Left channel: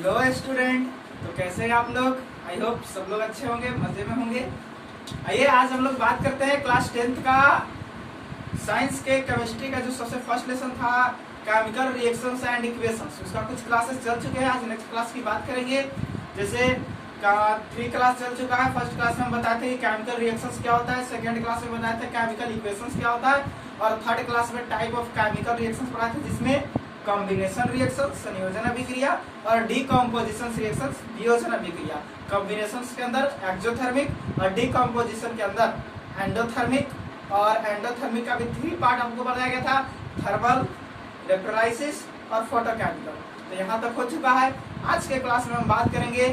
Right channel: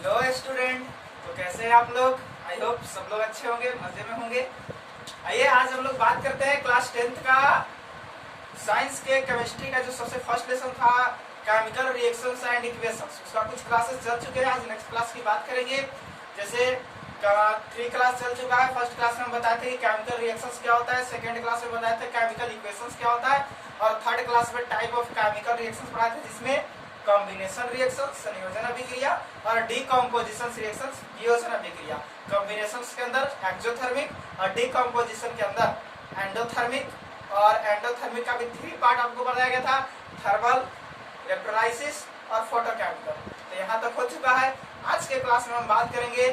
Hello student. तो कैसे हैं आप लोग? आई होप सब लोग अच्छे होंगे, मजे में होंगे। आइए आज हम लोग बात करते हैं क्लास 10th का साइंस के केमिस्ट्री का जो सबसे फर्स्ट लेसन था केमिकल रिएक्शंस एंड इक्वेशंस। उसका कुछ क्लासेस चल चुके हैं, आज नेक्स्ट क्लास की बात करेंगे। जैसे 3 क्लास चल चुका है। फर्स्ट क्लास में हम बताए थे कि केमिकल रिएक्शंस क्या होता है, सेकंड क्लास में बताए थे केमिकल इक्वेशंस क्या होता है, और थर्ड क्लास में टाइप ऑफ केमिकल रिएक्शंस पढ़ाए थे जिसमें कॉम्बिनेशन रिएक्शन संयोजन अभिक्रिया और डीकम्पोजिशन रिएक्शन वियोजन अभिक्रिया। कॉम्बिनेशन के अंदर एक्सोथर्मिक और डीकम्पोजिशन के अंदर एंडोथर्मिक, और एंडोथर्मिक का भी 3 पार्ट आपको बताया गया था, थर्मल, इलेक्ट्रोलाइसिस और फोटोकेमिकल। तो यहाँ तक हो चुका है। आज के क्लास में हम बात करेंगे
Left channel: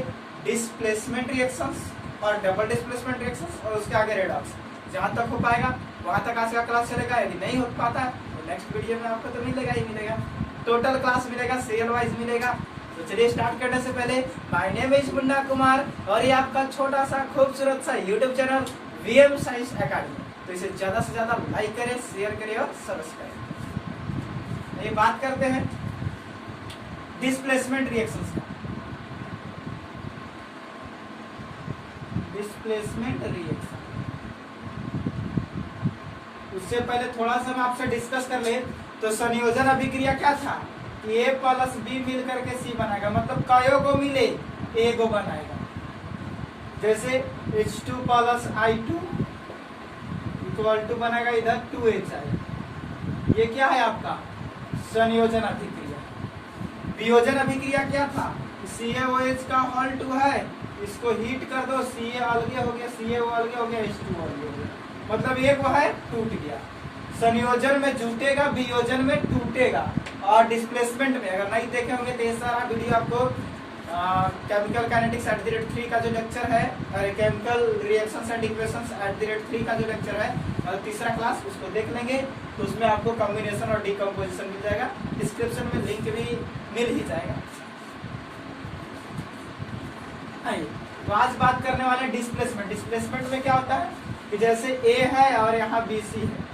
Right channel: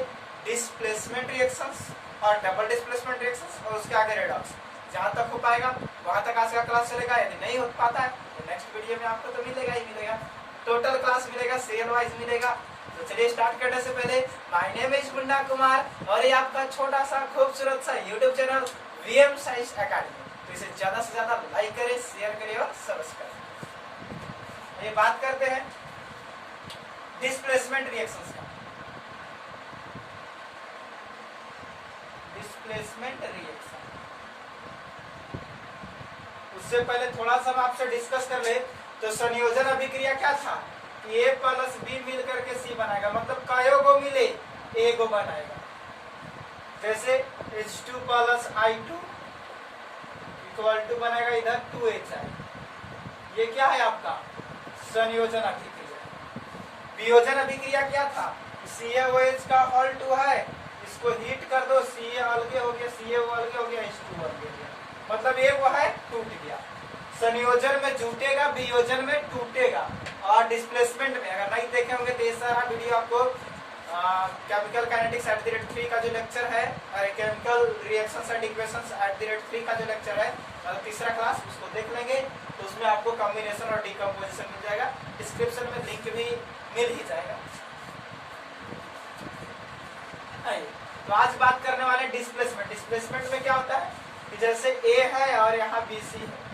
डिस्प्लेसमेंट रिएक्शंस और डबल डिस्प्लेसमेंट रिएक्शंस और उसके आगे रेडॉक्स। जहां तक हो पाएगा वहां तक आज का क्लास चलेगा। यदि नहीं हो पाता है तो नेक्स्ट वीडियो में आपको तो मिलेगा ही मिलेगा, टोटल क्लास मिलेगा, सीरियल वाइज मिलेगा। तो चलिए स्टार्ट करने से पहले my name is Munna Kumar और ये आपका छोटा सा खूबसूरत सा YouTube channel VM science academy. तो इसे ज्यादा से ज्यादा लाइक करें, शेयर करें और सब्सक्राइब। ये बात करते हैं डिस्प्लेसमेंट रिएक्शंस का। डिस्प्लेसमेंट रिएक्शन, उससे पहले थोड़ा सा हम आपसे डिस्कस कर ले। तो संयोजन अभिक्रिया क्या था कि A प्लस B मिल करके C बनाएगा, मतलब कयो को मिले A को बनाएगा। जैसे H2 plus I2 equal to बनेगा इधर 2HI। ये क्या है आपका संयोजन अभिक्रिया। वियोजन अभिक्रिया क्या था, CaOH का होल 2 है, इसको हीट कर दो, Ca अलगे हो गया, CaO अलगे हो गया, H2 अलगे हो गया, मतलब एक वो है टूट गया। संयोजन में जुटेगा, वियोजन में टूटेगा। और डिस्प्लेसमेंट में अगर नहीं देखे होंगे तो ये सारा वीडियो आपको केमिकल काइनेटिक्स @3 का जो लेक्चर है, केमिकल रिएक्शंस एंड इक्वेशंस @3 का जो लेक्चर है, तीसरा क्लास, उसको देख लेंगे तो उसमें आपको कॉम्बिनेशन और डीकम्पोजिशन मिल जाएगा। डिस्क्रिप्शन में लिंक भी मिल ही जाएगा। तो आज बात करने वाले डिस्प्लेसमेंट। डिस्प्लेसमेंट में क्या होता है कि जैसे A है और यहाँ BC है,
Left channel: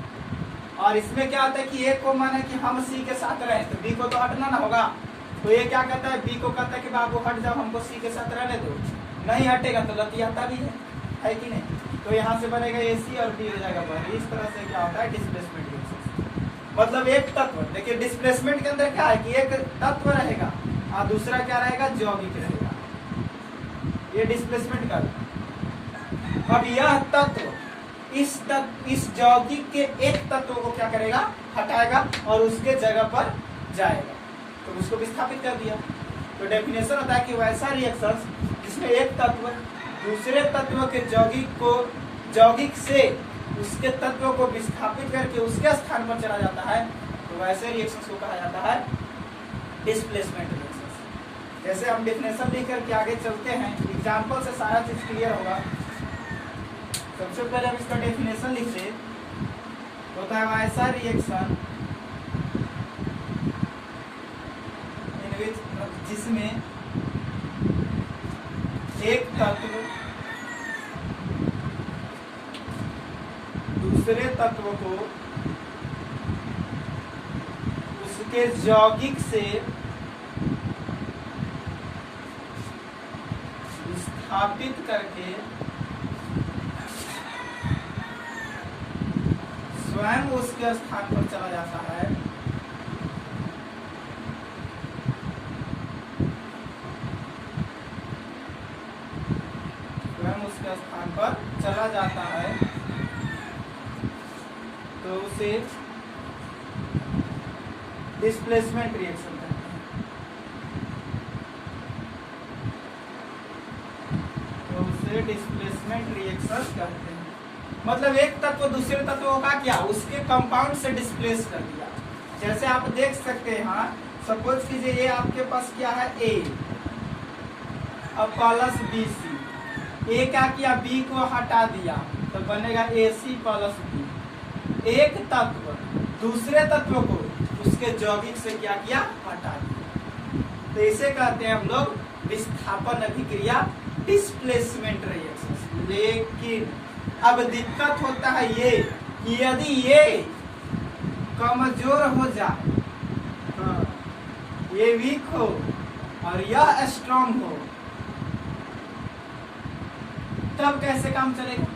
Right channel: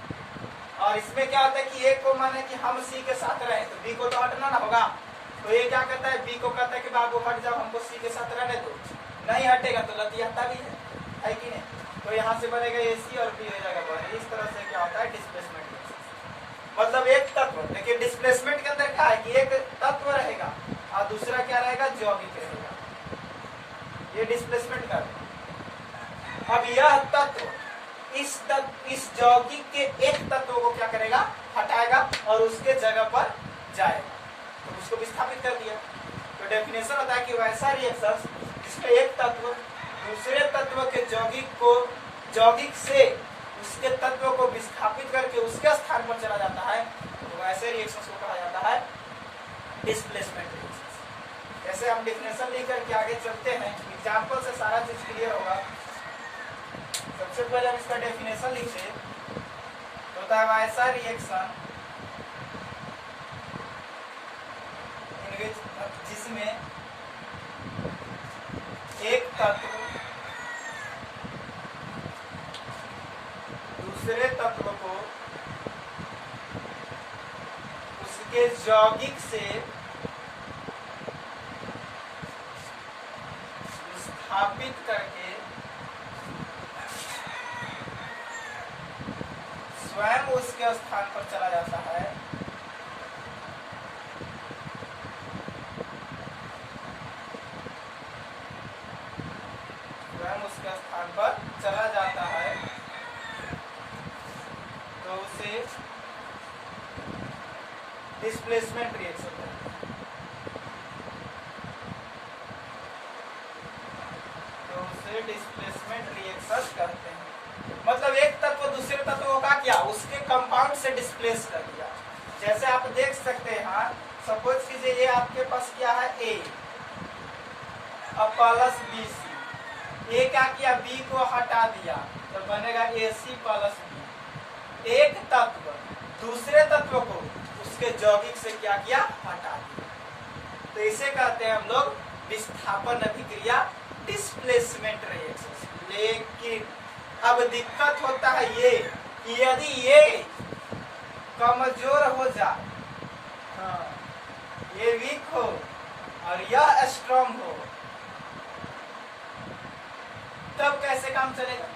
और इसमें क्या होता है कि A को माने कि हम C के साथ रहे तो B को तो हटना ना होगा। तो ये क्या कहता है, B को कहता है कि बाबू हट जाओ, हमको C के साथ रहने दो। नहीं हटेगा तो लतियाता भी है कि नहीं। तो यहाँ से बनेगा AC और B हो जाएगा बाहर। इस तरह से क्या होता है डिस्प्लेसमेंट। मतलब एक तत्व, देखिए डिस्प्लेसमेंट के अंदर क्या है कि एक तत्व रहेगा और दूसरा क्या रहेगा, यौगिक रहेगा। ये डिस्प्लेसमेंट का। अब यह तत्व इस यौगिक के एक तत्व को क्या करेगा, हटाएगा और उसके जगह पर जाएगा, तो उसको विस्थापित कर दिया। तो डेफिनेशन होता है कि वैसा रिएक्शन जिसमें एक तत्व दूसरे तत्व के यौगिक से उसके तत्व को विस्थापित करके उसके स्थान पर चला जाता है, तो वैसे रिएक्शन को कहा जाता है डिस्प्लेसमेंट रिएक्शन। जैसे हम डेफिनेशन लेकर के आगे चलते हैं, एग्जाम्पल से सारा चीज क्लियर होगा। सबसे पहले हम इसका डेफिनेशन लिखते होता है ऐसा रिएक्शन जिसमें एक तत्व दूसरे तत्व को उसके यौगिक से विस्थापित करके स्वयं उसके स्थान पर चला जाता है, स्वयं उसके स्थान पर चला जाता है, तो उसे डिस्प्लेसमेंट रिएक्शन कहते हैं। तो उसे डिस्प्लेसमेंट रिएक्शन कहते हैं। मतलब एक तत्व दूसरे तत्व का क्या, उसके कंपाउंड से डिस्प्लेस कर दिया। जैसे आप देख सकते हैं, हाँ सपोज कीजिए ये आपके पास क्या है A और प्लस BC। A क्या किया, B को हटा दिया तो बनेगा AC प्लस B। एक तत्व दूसरे तत्व को उसके यौगिक से क्या किया, हटा दिया। तो इसे कहते हैं हम लोग विस्थापन अभिक्रिया, डिस्प्लेसमेंट रिएक्शन। लेकिन अब दिक्कत होता है ये कि यदि ये कमजोर हो जाए, हाँ, ये वीक हो और यह स्ट्रॉन्ग हो, तब कैसे काम चलेगा?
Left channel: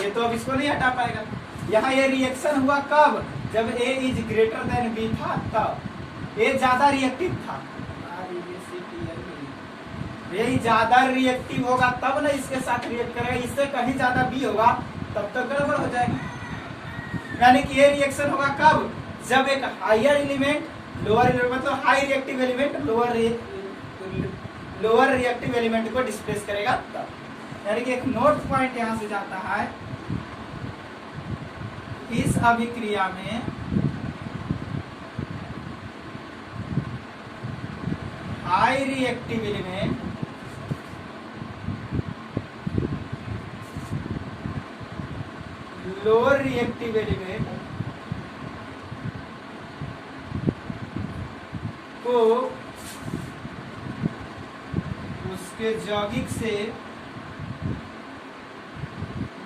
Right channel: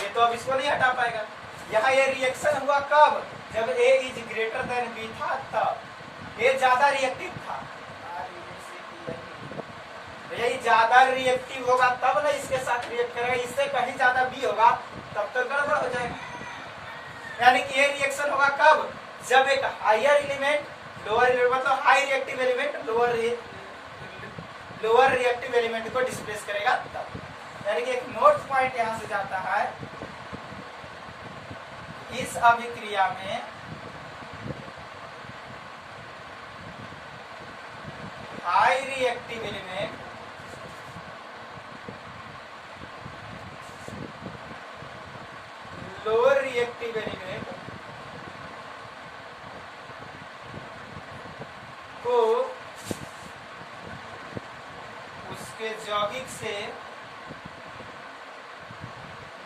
ये तो अब इसको नहीं हटा पाएगा। यहाँ ये रिएक्शन हुआ कब? जब A is greater than B था, तब A ज्यादा रिएक्टिव था। A ज्यादा रिएक्टिव होगा तब ना इसके साथ रिएक्ट करेगा, इससे कहीं ज्यादा B होगा तब तक गड़बड़ हो जाएगा। यानी कि ये रिएक्शन होगा कब? जब एक हायर एलिमेंट लोअर, मतलब high reactive element lower reactive element को डिस्प्लेस करेगा तब। यानी कि एक नोट पॉइंट यहां से जाता है, इस अभिक्रिया में high reactive element lower reactive element को उसके यौगिक से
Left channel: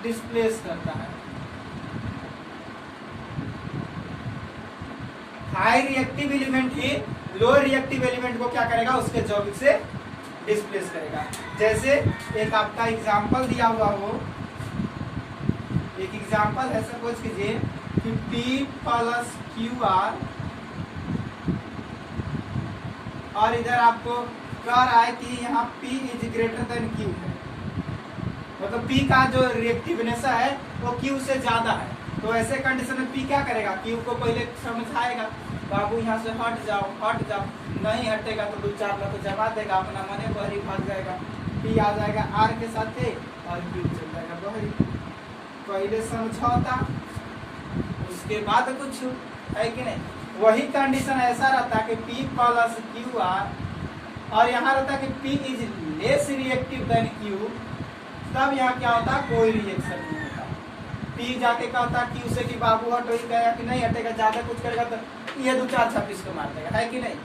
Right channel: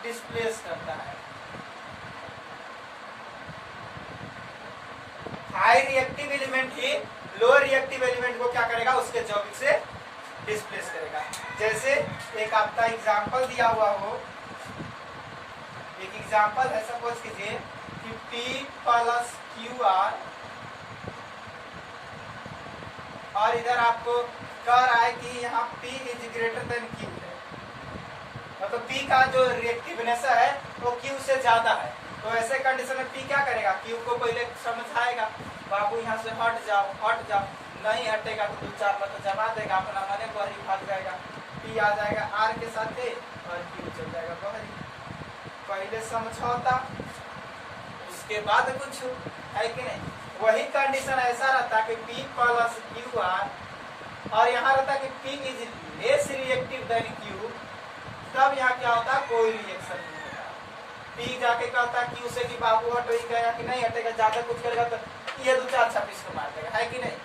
डिस्प्लेस करता है। हाई रिएक्टिव एलिमेंट ही लोअर रिएक्टिव एलिमेंट को क्या करेगा? उसके यौगिक से डिस्प्लेस करेगा। जैसे एक आपका एग्जांपल दिया हुआ हो, एक एग्जांपल है, सपोज कीजिए कि P प्लस QR और इधर आपको कह रहा है कि यहाँ P is greater than Q है, मतलब P का जो रिएक्टिवनेस है वो Q से ज्यादा है। तो ऐसे कंडीशन में P क्या करेगा? Q को पहले समझाएगा, बाबू यहाँ से हट जाओ हट जाओ, नहीं हटेगा तो 2-4 बार तो जमा देगा, अपना मने बहरी भाग जाएगा। P आ जाएगा R के साथ और Q चल जाएगा बहरी। पहले समझौता उसके बाद कुछ, है कि नहीं? वही कंडीशन ऐसा रहता कि P प्लस QR और यहाँ रहता कि P is less reactive than Q, तब यहाँ क्या होता? कोई रिएक्शन नहीं होता। P जाके कहता Q से कि बाबू हटो, ही गया कि नहीं हटेगा, ज्यादा कुछ करेगा तो ये 2-4 छापीस को मार देगा, है कि नहीं?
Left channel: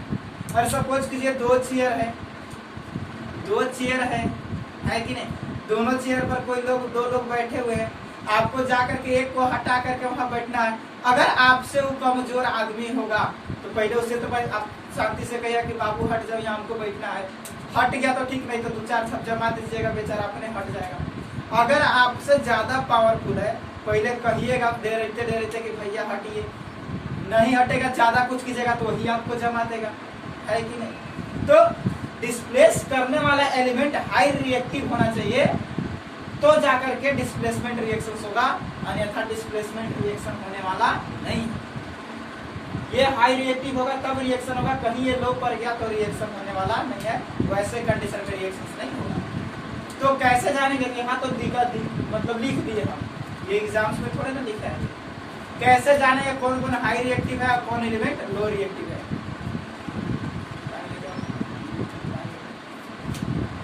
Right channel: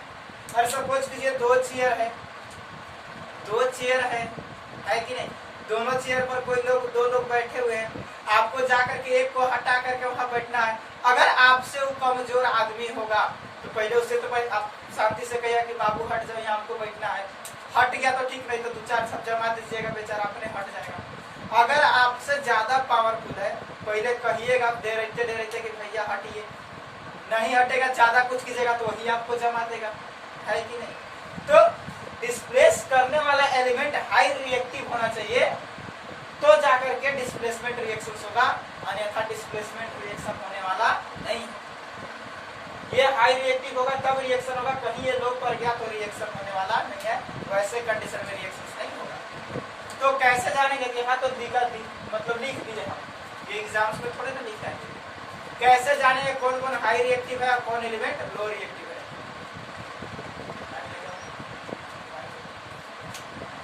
और सपोज कीजिए 2 चेयर है, 2 चेयर है कि नहीं? दोनों चेयर पर कोई लोग, 2 लोग बैठे हुए हैं, आपको जाकर के एक को हटा करके वहां बैठना है। अगर आपसे वो कमजोर आदमी होगा तो पहले उससे तो आप शांति से कहिए कि बाबू हट जाओ, यहाँ हमको बैठना है। हट गया तो ठीक, नहीं तो 2-4 सब जमा दीजिएगा, बेचारा अपने हट जाएगा। अगर आपसे ज्यादा पावरफुल है, पहले कहिएगा दे रहते कि भैया हटिए, नहीं हटेगा, ज्यादा कुछ कीजिएगा तो वही आपको जमा देगा, है कि नहीं? तो डिस्प्लेस करने वाला एलिमेंट हाई रिएक्टिव होना चाहिए, तो जाकर के डिस्प्लेसमेंट रिएक्शन होगा, अन्यथा डिस्प्लेसमेंट रिएक्शन होने वाला नहीं। ये हाई रिएक्टिव होगा तब रिएक्शन होगा, कहीं ये लो पर गया तो रिएक्शन होने वाला नहीं है, वैसे कंडीशन में रिएक्शन नहीं होगा। तो कैसे जानेंगे? यहाँ तो मतलब लिख दिए हम, ये एग्जाम्स में थोड़े ना लिखा है। कैसे जानेंगे कौन कौन हाई रिएक्टिव है और कौन एलिमेंट लो रिएक्टिव है?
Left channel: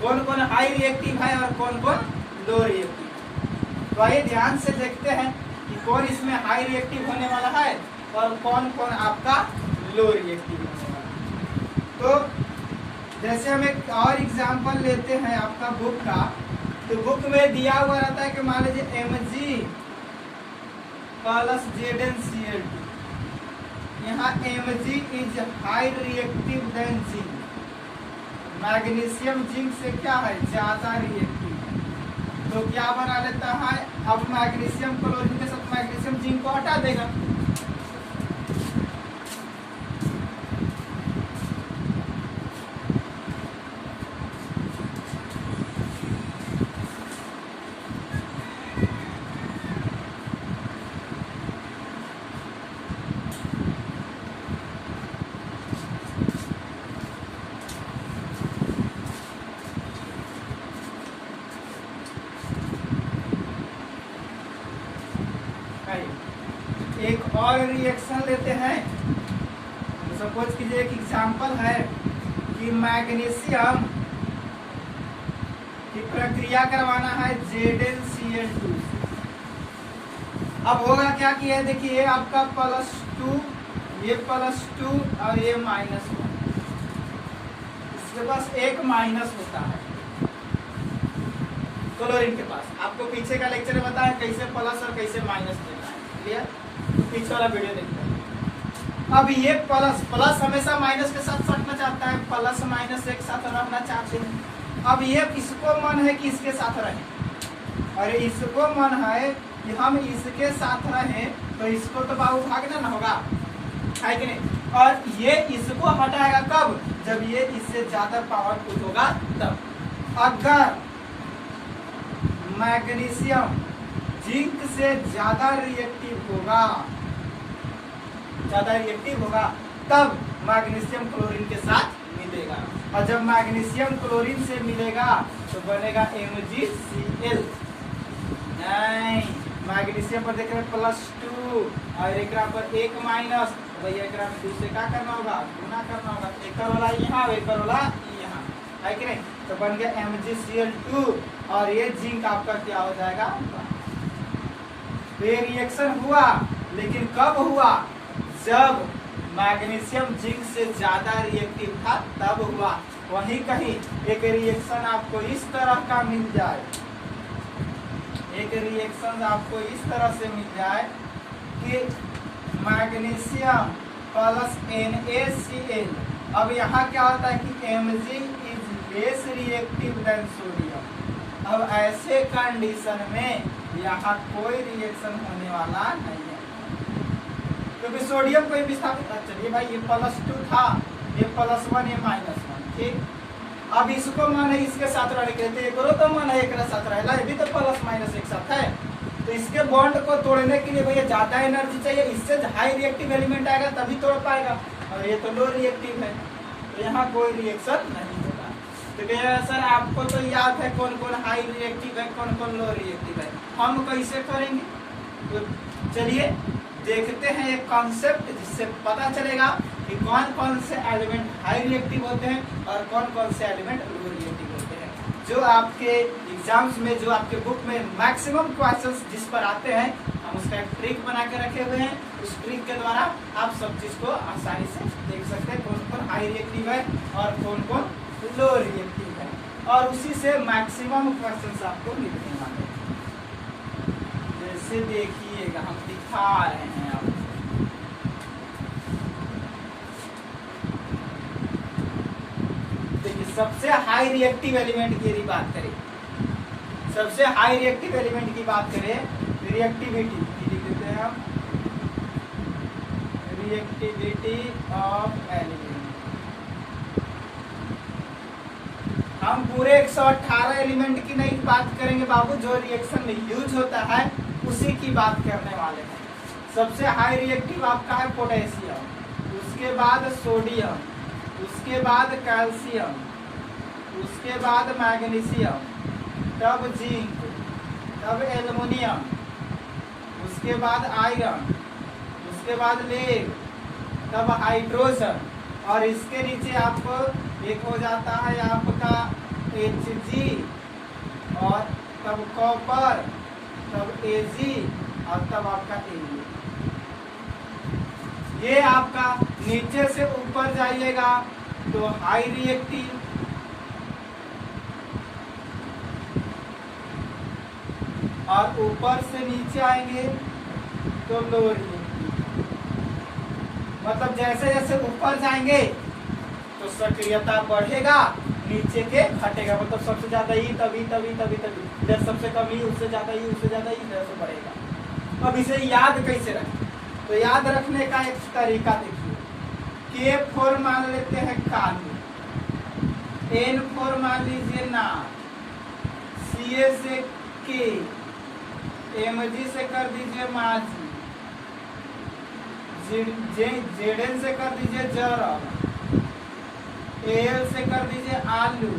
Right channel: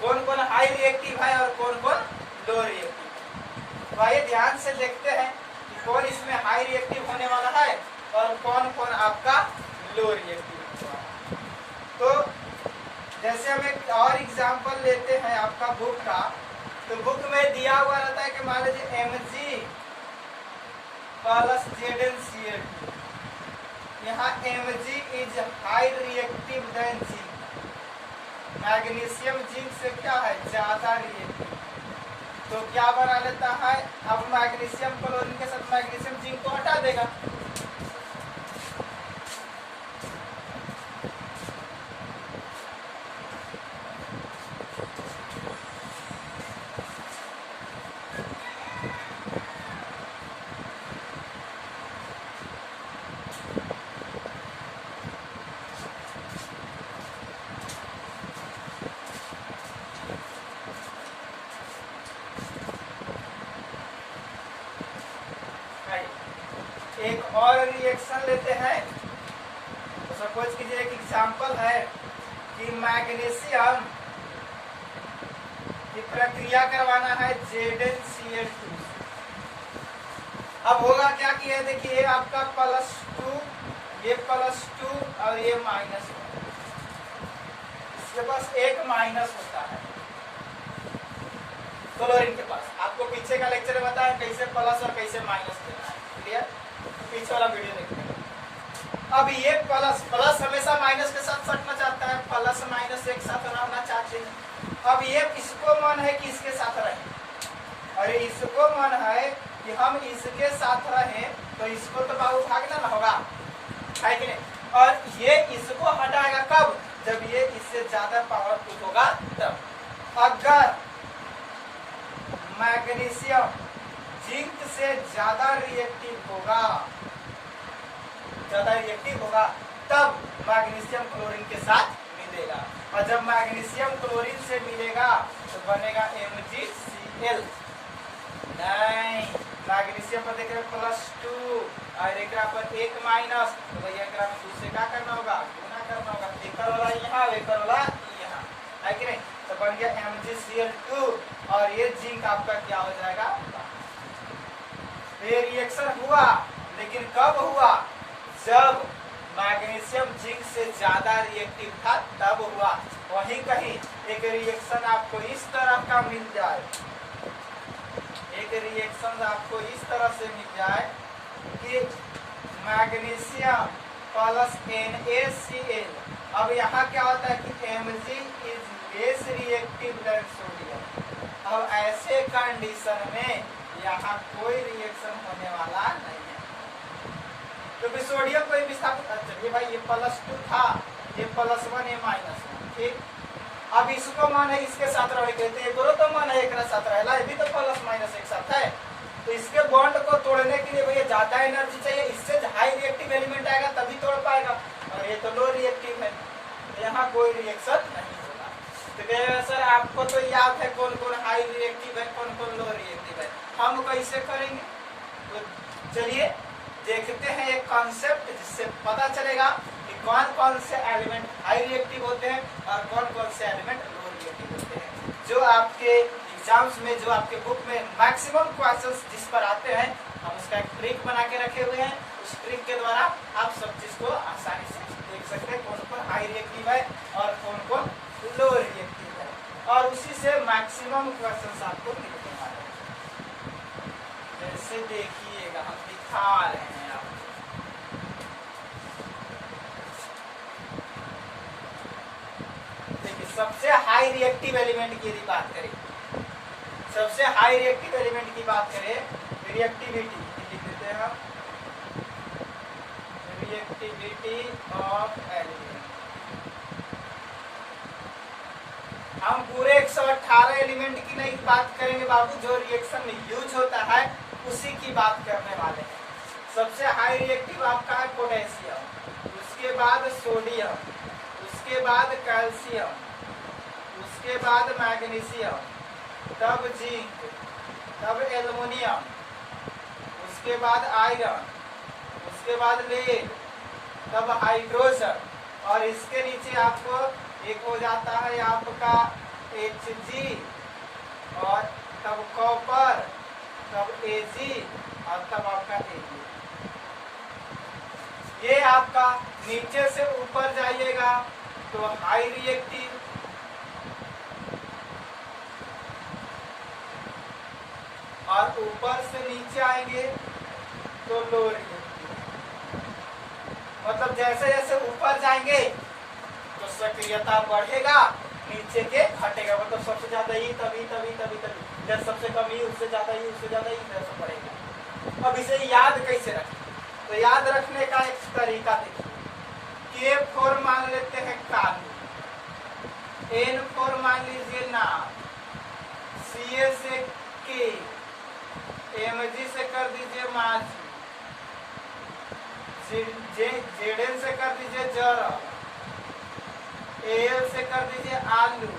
कौन कौन हाई रिएक्टिव है और कौन कौन लो रिएक्टिव? तो आइए ध्यान से देखते हैं कि कौन इसमें हाई रिएक्टिव होने वाला है और कौन कौन आपका लो रिएक्टिव होने वाला है। तो जैसे हम एक और एग्जांपल लेते हैं आपका बुक का, तो बुक में दिया हुआ रहता है कि मान लीजिए Mg प्लस ZnCl2, यहाँ Mg is high reactive than G, magnesium zinc से क्या है? ज्यादा रिएक्टिव। तो क्या बना लेता है? अब मैग्नीशियम क्लोरीन के साथ मैग्नीशियम जिंक को हटा देगा, एक और रिएक्शन लेते हैं। तो सपोज कीजिए एक एग्जांपल है कि मैग्नीशियम की प्रक्रिया करवाना है ZnCl2। अब होगा क्या कि है, देखिए आपका +2, ये +2 और ये -1, इसके पास एक माइनस होता है क्लोरीन के पास। आपको पीछे का लेक्चर में बताया कैसे प्लस और कैसे माइनस देना है, क्लियर? तो पीछे वाला वीडियो देखते हैं। अब ये प्लस प्लस हमेशा माइनस के साथ सटना चाहता है, प्लस माइनस एक साथ रहना चाहते हैं। अब ये इसको मन है कि इसके साथ रहे और इसको मन है कि हम इसके साथ रहें, तो इसको तो बाबू भागना ना होगा, है कि नहीं। और ये इसको हटाएगा कब, जब ये इससे ज्यादा पावरफुल होगा तब। अगर मैग्नीशियम जिंक से ज्यादा रिएक्टिव होगा तब मैग्नीशियम क्लोरीन के साथ मिलेगा, और जब मैग्नीशियम क्लोरीन से मिलेगा तो बनेगा MgCl। नहीं, मैग्नीशियम पर देख रहे +2 और एक पर 1 माइनस, तो भैया एक में 2 से क्या करना होगा, गुना करना होगा। एक वाला यहाँ, एक वाला यहाँ, है कि नहीं। तो बन गया MgCl2 और ये जिंक आपका क्या हो जाएगा। ये रिएक्शन हुआ, लेकिन कब हुआ, जब मैग्नीशियम जिंक से ज्यादा रिएक्टिव था तब हुआ। वहीं कहीं एक रिएक्शन आपको इस तरह का मिल जाए, एक रिएक्शन आपको इस तरह से मिल जाए कि मैग्नीशियम प्लस NaCl। अब यहाँ क्या होता है कि Mg is less reactive than sodium. अब ऐसे कंडीशन में यहाँ कोई रिएक्शन होने वाला नहीं है, क्योंकि सोडियम को विस्थापित। चलिए भाई, ये +2 था, ये +1, ये -1, ठीक। अब इसको मन है इसके साथ रहने के लिए, करो तो मन है एक साथ रहेगा, ये भी तो प्लस माइनस एक साथ है। तो इसके बॉन्ड को तोड़ने के लिए भैया ज्यादा एनर्जी चाहिए, इससे हाई रिएक्टिव एलिमेंट आएगा तभी तोड़ पाएगा, और ये तो लो रिएक्टिव है, तो यहाँ कोई रिएक्शन नहीं होगा। तो कह सर आपको तो याद है कौन कौन हाई रिएक्टिव है, कौन कौन लो रिएक्टिव है, हम कैसे करेंगे। तो चलिए देखते हैं एक कॉन्सेप्ट जिससे पता चलेगा कि कौन कौन से एलिमेंट हाई रिएक्टिव होते हैं और कौन कौन से एलिमेंट लो रिएक्टिव होते हैं। जो आपके एग्जाम्स में, जो आपके बुक में मैक्सिमम क्वेश्चंस जिस पर आते हैं, हम उसका एक ट्रिक बना के रखे हुए हैं। उस ट्रिक के द्वारा आप सब चीज को आसानी से देख सकते हैं, कौन कौन हाई रिएक्टिव है और कौन कौन लो रिएक्टिव है, और उसी से मैक्सिमम क्वेश्चंस आपको मिलने वाले हैं। जैसे देखिएगा, हम दिखा रहे हैं आपको। सबसे हाई रिएक्टिव एलिमेंट की यदि बात करें, सबसे हाई रिएक्टिव एलिमेंट की बात करें, रिएक्टिविटी लिख देते हैं हम, रिएक्टिविटी ऑफ एलिमेंट। हम पूरे 118 एलिमेंट की नहीं बात करेंगे बाबू, जो रिएक्शन में यूज होता है उसी की बात करने वाले हैं। सबसे हाई रिएक्टिव आपका है पोटेशियम, उसके बाद सोडियम, उसके बाद कैल्शियम, उसके बाद मैग्नीशियम, तब जिंक, तब एल्युमिनियम, उसके बाद आयरन, उसके बाद लेड, तब हाइड्रोजन, और इसके नीचे आपको एक हो जाता है आपका Hg, और तब कॉपर, तब Ag, और तब आपका Ag। ये आपका नीचे से ऊपर जाइएगा तो हाई रिएक्टिव, और ऊपर से नीचे आएंगे तो लो रिएक्टिव। मतलब जैसे जैसे ऊपर जाएंगे तो सक्रियता बढ़ेगा, नीचे के घटेगा। मतलब सबसे ज्यादा ही तभी तभी तभी तभी, जैसे सबसे कम ही उससे ज्यादा ही, उससे ज्यादा ही, जैसे बढ़ेगा। अब इसे याद कैसे रखें, तो याद रखने का एक तरीका देखिए। K4 मान लेते हैं कालू, N4 मान लीजिए नार, Ca से K, Mg से कर दीजिए माजी, Zn से कर दीजिए जरल, Al से कर दीजिए आलू,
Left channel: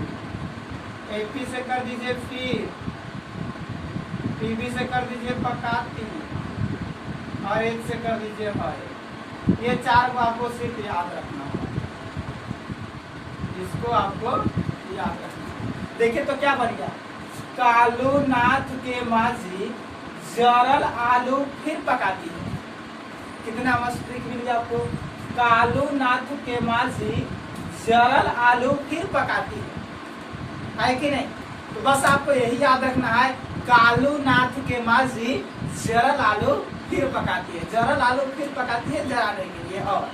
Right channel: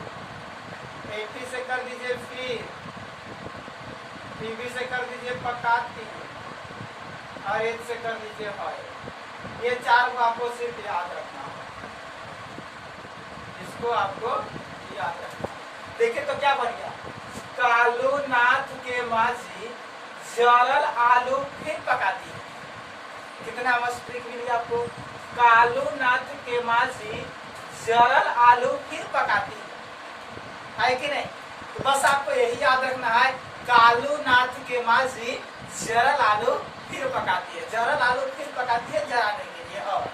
Fe से कर दीजिए फिर, Pb से कर दीजिए पकाती, और H से कर दीजिए हरे। ये 4 को आपको सिर्फ याद रखना होगा, इसको आपको याद रखना। देखिए तो क्या बन गया, कालू नाथ के माजी जरल आलू फिर पकाती है। कितना मस्त ट्रिक मिली आपको, कालू नाथ के माजी जरल आलू फिर पकाती है कि नहीं। तो बस आपको यही याद रखना है, कालू नाथ के माजी जरल आलू फिर पकाती है, जरल आलू फिर पकाती है जराने के लिए। और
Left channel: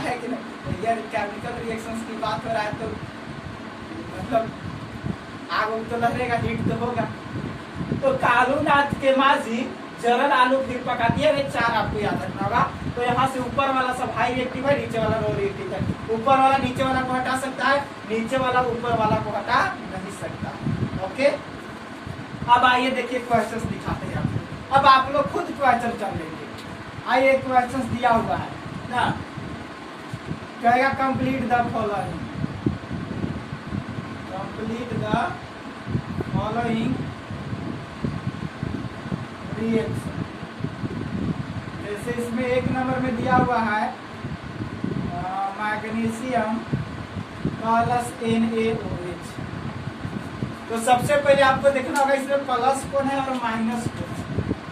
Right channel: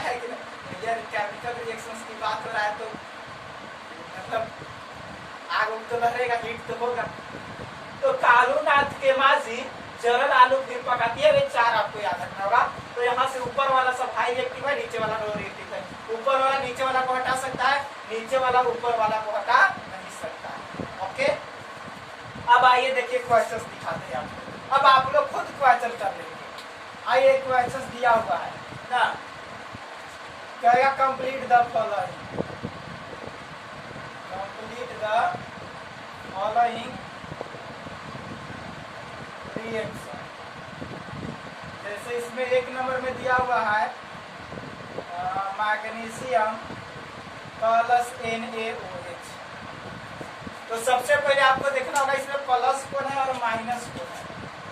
है कि नहीं? ये केमिकल रिएक्शंस की बात हो रहा है तो मतलब आग उग तो लहरेगा, हीट तो होगा। तो कालूनाथ के माजी जरल आलू फिर पका दिए, वे 4 आपको याद रखना होगा। तो यहाँ से ऊपर वाला सब हाई रिएक्टिव है, नीचे वाला लो रिएक्टिव है। ऊपर वाला नीचे वाला को हटा सकता है, नीचे वाला ऊपर वाला को हटा नहीं सकता है। ओके, अब आइए देखिए क्वेश्चंस दिखाते हैं आपको। अब आप लोग खुद क्वेश्चन कर लेंगे। आइए क्वेश्चंस दिया हुआ है ना, कहेगा complete the following, complete the following reaction. जैसे इसमें 1 नंबर में दिया हुआ है मैग्नीशियम प्लस NaOH। तो सबसे पहले आपको देखना होगा इसमें प्लस कौन है और माइनस कौन है।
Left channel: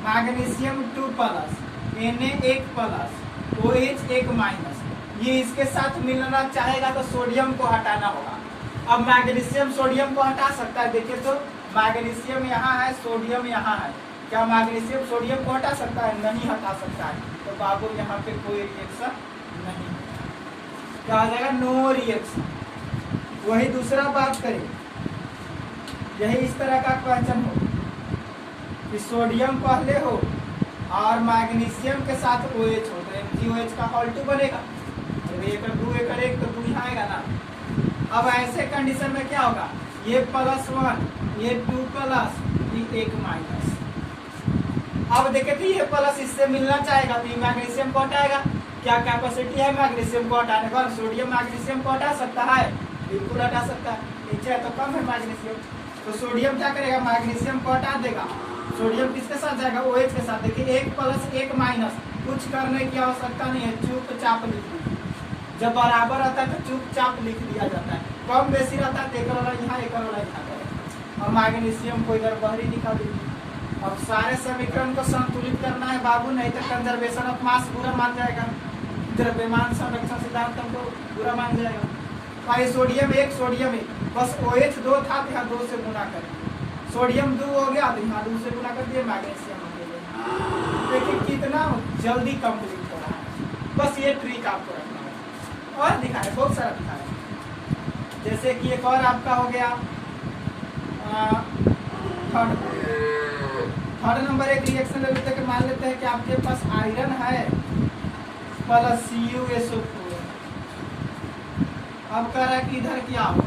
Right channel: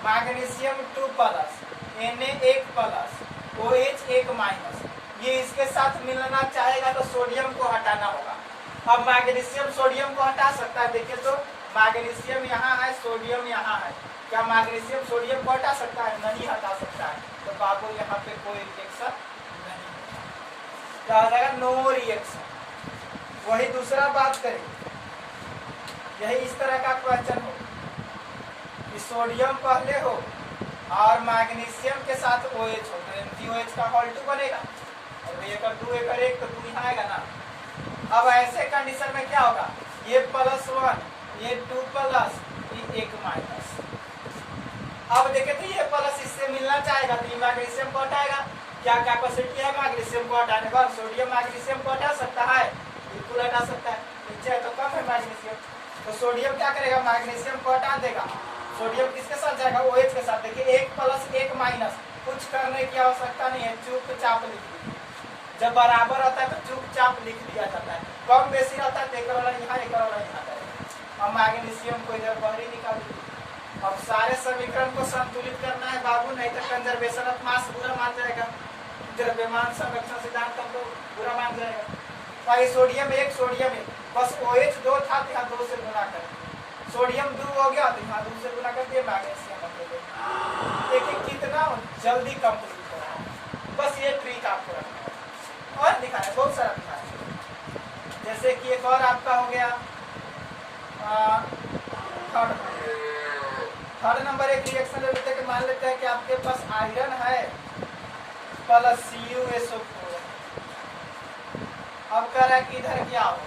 Magnesium 2 plus, Na 1 plus, OH 1 minus. ये इसके साथ मिलना चाहेगा तो सोडियम को हटाना होगा। अब मैग्नीशियम सोडियम को हटा सकता है। देखिए तो मैग्नीशियम यहाँ है, सोडियम यहाँ है। क्या मैग्नीशियम सोडियम को हटा सकता है? नहीं हटा सकता है। तो बाबू यहाँ पे कोई रिएक्शन नहीं है, क्या आ जाएगा? No reaction. वही दूसरा बात करें, यही इस तरह का क्वेश्चन हो कि सोडियम पहले हो और मैग्नीशियम के साथ OH हो तो MgOH का होल 2 बनेगा। और ये कर 2 एकड़ 1 तो 2 यहाँ आएगा ना। अब ऐसे कंडीशन में क्या होगा? ये +1, ये 2 प्लस, ये 1 माइनस। अब देखे तो ये प्लस इससे मिलना चाहेगा तो ये मैग्नीशियम को हटाएगा। क्या कैपेसिटी है मैग्नीशियम को हटाने पर? सोडियम मैग्नीशियम को हटा सकता है, बिल्कुल हटा सकता है। नीचे तो कम है मैग्नीशियम, तो सोडियम क्या करेगा? मैग्नीशियम को हटा देगा। सोडियम किसके साथ जाएगा? OH के साथ। देखिए 1 प्लस 1 माइनस, कुछ करने की आवश्यकता नहीं है, चुपचाप लिख दीजिए। जब बराबर आता है तो चुपचाप लिख दिया जाता है। कम बेसी रहता है तो एक वाला यहाँ, एक वाला यहाँ करेगा। और मैग्नीशियम को इधर बाहरी निकाल दीजिए। अब सारे समीकरण को संतुलित करना है बाबू, नहीं तो कंजर्वेशन ऑफ मास बुरा मान जाएगा, द्रव्यमान संरक्षण सिद्धांत हमको बुरा मान जाएगा। तो सोडियम 1, सोडियम 1, बस OH 2 था तो यहाँ 2 से गुना कर दिया। सोडियम 2 हो गया तो यहाँ 2 से गुना कर दिया, मैग्नीशियम हो गया। देखिए कितना जल्दी कंप्लीट हो रहा है। बस ये ट्रिक आपको रखना है। और दिखा है, बहुत सारा दिखा है। जैसे कि एक और आपका हो गया थर्ड नंबर एक रिएक्शन ले लेते हैं कि मान लेते हैं कि आपके पास आयरन है प्लस CuSO4। अब कह रहा है कि इधर क्या हो,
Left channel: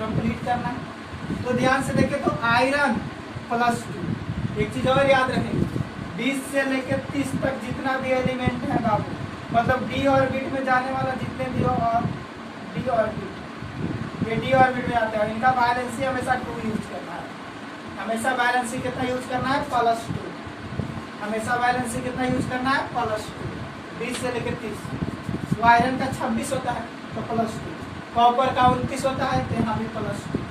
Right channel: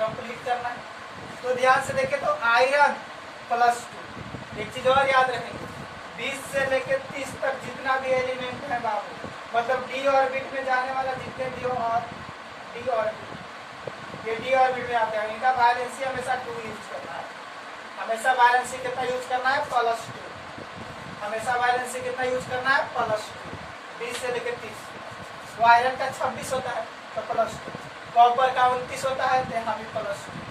कंप्लीट करना है। तो ध्यान से देखें तो आयरन +2। एक चीज और याद रखेंगे, 20 से लेकर 30 तक जितना भी एलिमेंट है बाबू, मतलब d ऑर्बिट में जाने वाला जितने भी और d ऑर्बिट, ये d ऑर्बिट में आते हैं, इनका वैलेंसी हमेशा 2 यूज करना है। हमेशा वैलेंसी कितना यूज करना है? +2। हमेशा वैलेंसी कितना यूज करना है? +2। 20 से लेकर 30। तो आयरन का 26 होता है तो +2, कॉपर का 29 होता है तो यहाँ भी +2।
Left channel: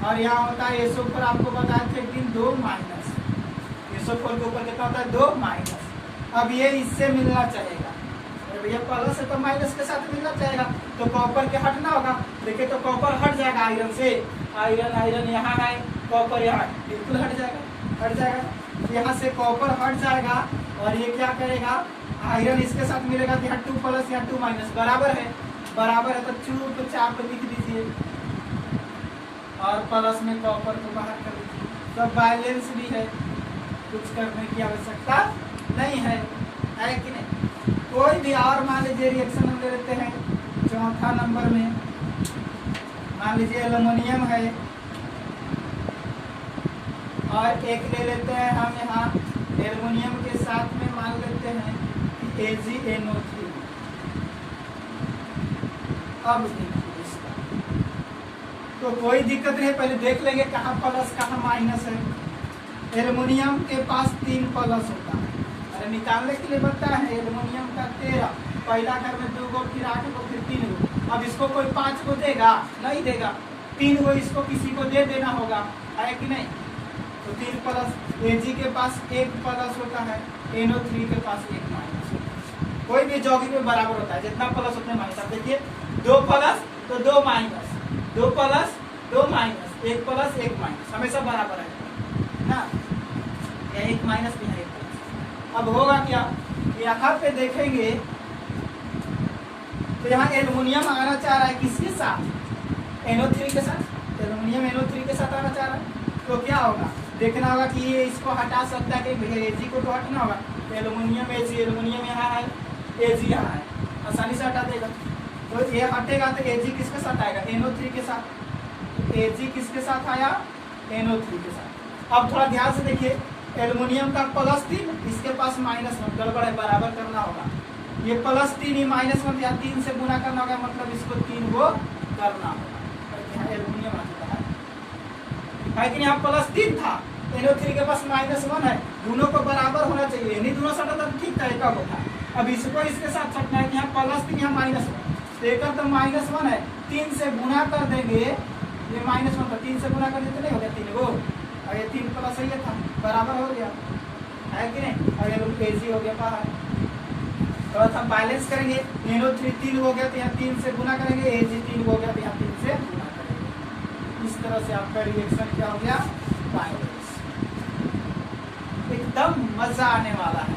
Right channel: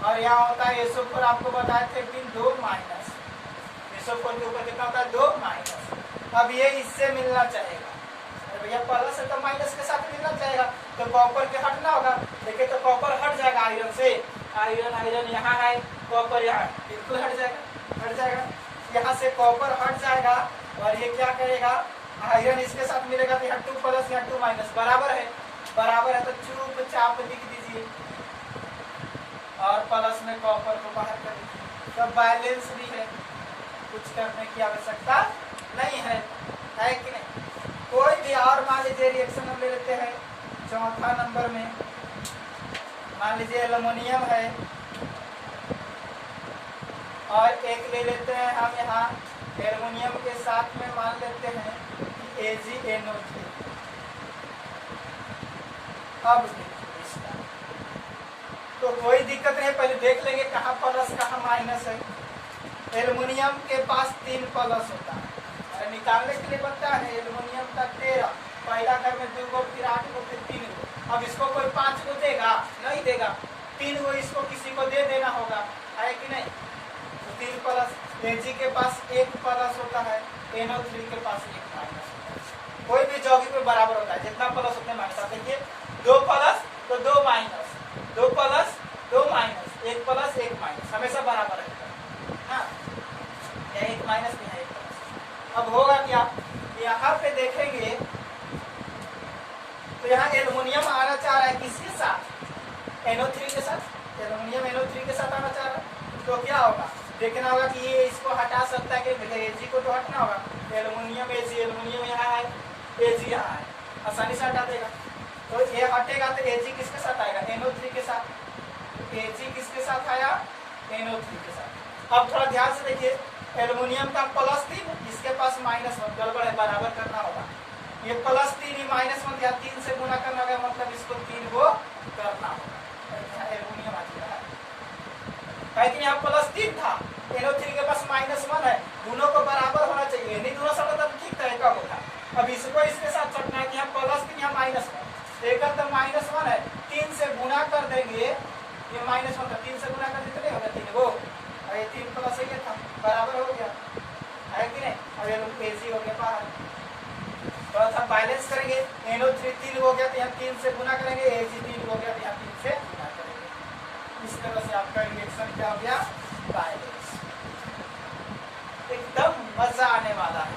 और यहाँ होता है SO4, आपको बताया थे कि 2 माइनस। SO4 के ऊपर कितना होता है? 2 माइनस। अब ये इससे मिलना चाहेगा, अरे भैया प्लस है तो माइनस के साथ मिलना चाहेगा, तो कॉपर के हटना होगा। देखिए तो कॉपर हट जाएगा आयरन से, आयरन यहाँ है, कॉपर यहाँ बिल्कुल हट जाएगा, हट जाएगा। यहाँ से कॉपर हट जाएगा और ये क्या करेगा? आयरन इसके साथ मिलेगा तो यहाँ 2 प्लस, यहाँ 2 माइनस, बराबर है। बराबर है तो चुपचाप लिख दीजिए और प्लस में कॉपर को बाहर कर दीजिए। तो बैलेंस भी है, कुछ करने की आवश्यकता नहीं है कि नहीं? कोई भी और मान लीजिए रिएक्शन हम ले लेते हैं चौथा नंबर में। मान लीजिए एल्युमिनियम है और एक ले लेते हैं हम यहाँ एल्युमिनियम के साथ में मान लेते हैं AgNO3। अब इसका तो कोई दिक्कत नहीं, पहले देख लेंगे कहाँ प्लस कहाँ माइनस है। एल्युमिनियम के पास 3 प्लस होता है, अरे निकालने के लिए बनता है एल्युमिनियम का 13, पहला घर में 2 गो, फिर 8 गो, फिर 3 गो। अब इसको कोई 5 को देगा? नहीं देगा, 3 गो इसको किसी को दे देना होगा, है कि नहीं? तो 3 प्लस। Ag के पास 1 प्लस होता है, NO3 के पास 1 माइनस। कोई भी यौगिक में बराबर होता है, जितना प्लस उतने माइनस। आप देखिए 2 प्लस तो 2 minus, 2 plus 2 minus, 1 plus 1 minus, हमेशा बराबर है ना। 1 माइनस यहाँ 1 प्लस। अब होगा क्या? यहाँ पे देखेंगे तो यहाँ एल्युमिनियम आना चाह रहा है किसके साथ, NO3 के साथ, एल्युमिनियम NO3 के साथ आना चाह रहा है। तो क्या होगा, देखना होगा कि ये इसको हटा सकता है कि भैया Ag को तो हटना होगा, एल्युमिनियम Ag, एल्युमिनियम यहाँ है, Ag यहाँ है, आसानी से हटा देगा। तो ये हटेगा तो Ag किसके साथ आएगा, NO3 के साथ, Ag किसके साथ आया, NO3 के साथ। अब थोड़ा ध्यान से देखिए, एल्युमिनियम का +3, इसके पास -1, गड़बड़ है, बराबर करना होगा। ये +3 ही -1 या 3 से गुना करना होगा, मतलब इसको 3 को करना होगा। एल्युमिनियम आ चुका है कि यहाँ +3 था, NO3 के पास -1 है, दोनों को बराबर होना चाहिए, नहीं दोनों सटा तब ठीक था, एक होता। अब इसको इसके साथ सटना है कि यहाँ +3 यहाँ -1, एक तो -1 है, 3 से गुना कर देंगे, ये -1 था, 3 से गुना कर देते नहीं हो गया 3 को, और ये 3 प्लस ये था, बराबर हो गया है कि नहीं। और ये Ag हो गया बाहर, तो हम बैलेंस करेंगे, NO3 3 हो गया तो यहाँ 3 से गुना करेंगे, Ag 3 हो गया तो यहाँ 3 से गुना करेंगे। इस तरह से आपका रिएक्शन क्या हो गया, बैलेंस। एकदम मजा आने वाला है,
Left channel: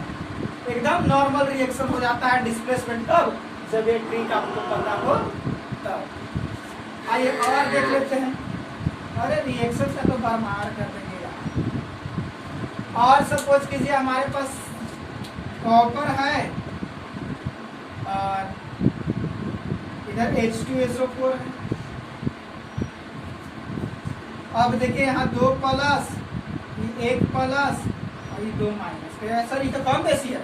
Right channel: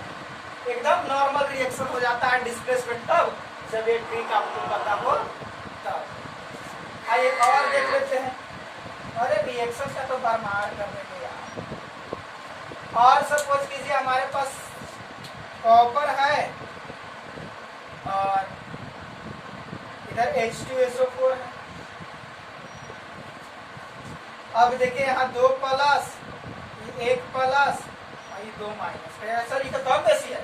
एकदम नॉर्मल रिएक्शन हो जाता है डिस्प्लेसमेंट तब जब ये ट्रिक आपको पता हो तब। आइए और देख लेते हैं, अरे रिएक्शन से तो बार कर देंगे यार। और सपोज कीजिए हमारे पास कॉपर है और इधर H2SO4 है। अब देखिए यहाँ 2 प्लस, 1 प्लस और ये 2 माइनस, सर ये तो कम बेसी है,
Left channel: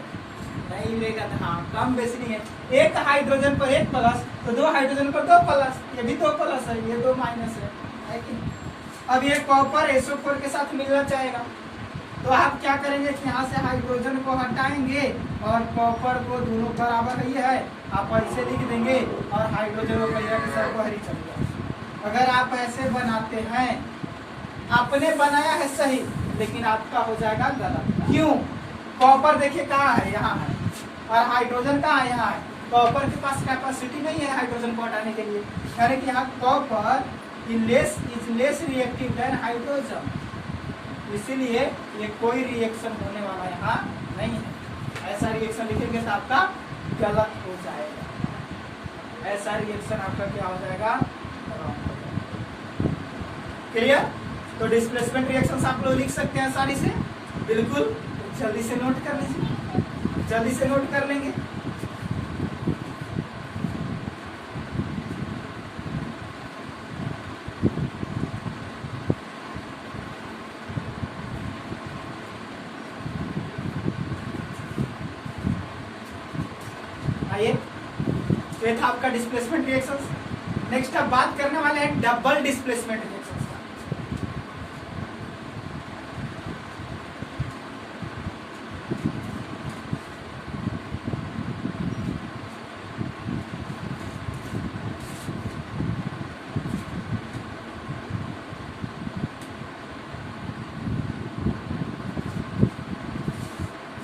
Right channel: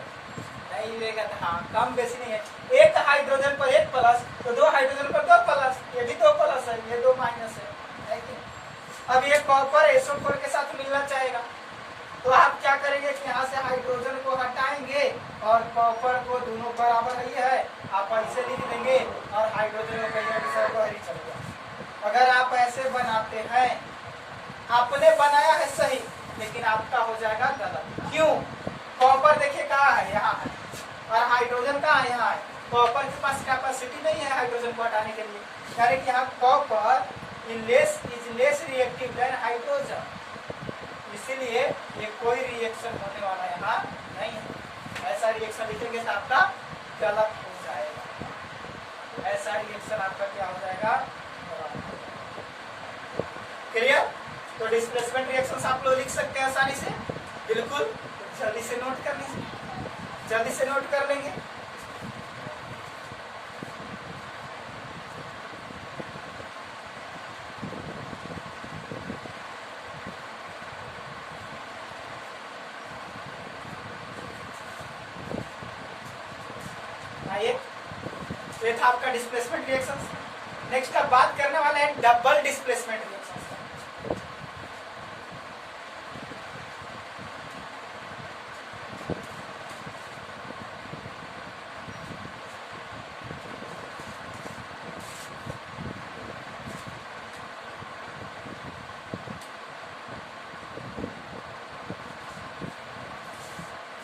नहीं लेगा तो हाँ कम बेसी नहीं है, एक हाइड्रोजन पर 1 प्लस तो 2 हाइड्रोजन पर 2 प्लस, ये भी 2 प्लस है, ये 2 माइनस है कि नहीं। अब ये कॉपर SO4 के साथ मिलना चाहेगा, तो आप क्या करेंगे कि यहाँ से हाइड्रोजन को हटाएंगे और कॉपर को, दोनों बराबर ही है, आप ऐसे लिख देंगे और हाइड्रोजन को कहिएगा कि सर बाहर ही चल गया। अगर आप ऐसे बनाते हैं, आपने बनाया है सही, लेकिन आपका हो जाएगा गलत। क्यों, कॉपर देखिए कहाँ है, यहाँ है, और हाइड्रोजन कहाँ है, यहाँ है। कॉपर के पास कैपेसिटी नहीं है हाइड्रोजन को हटाने के लिए, यानी कि यहाँ copper is less reactive than hydrogen, इसीलिए ये कोई रिएक्शन होने वाला यहाँ नहीं है। ऐसा रिएक्शन लिखेंगे तो आपका गलत हो जाएगा, ऐसा रिएक्शन आपका क्या हो जाएगा, क्लियर। तो डिस्प्लेसमेंट रिएक्शंस आप लोग लिख सकते हैं आसानी से, बिल्कुल जल्दी से नोट कर लीजिए, जल्दी से नोट कर लेंगे। आइए, ये था आपका डिस्प्लेसमेंट रिएक्शंस। नेक्स्ट अब बात करने वाले हैं डबल डिस्प्लेसमेंट रिएक्शंस।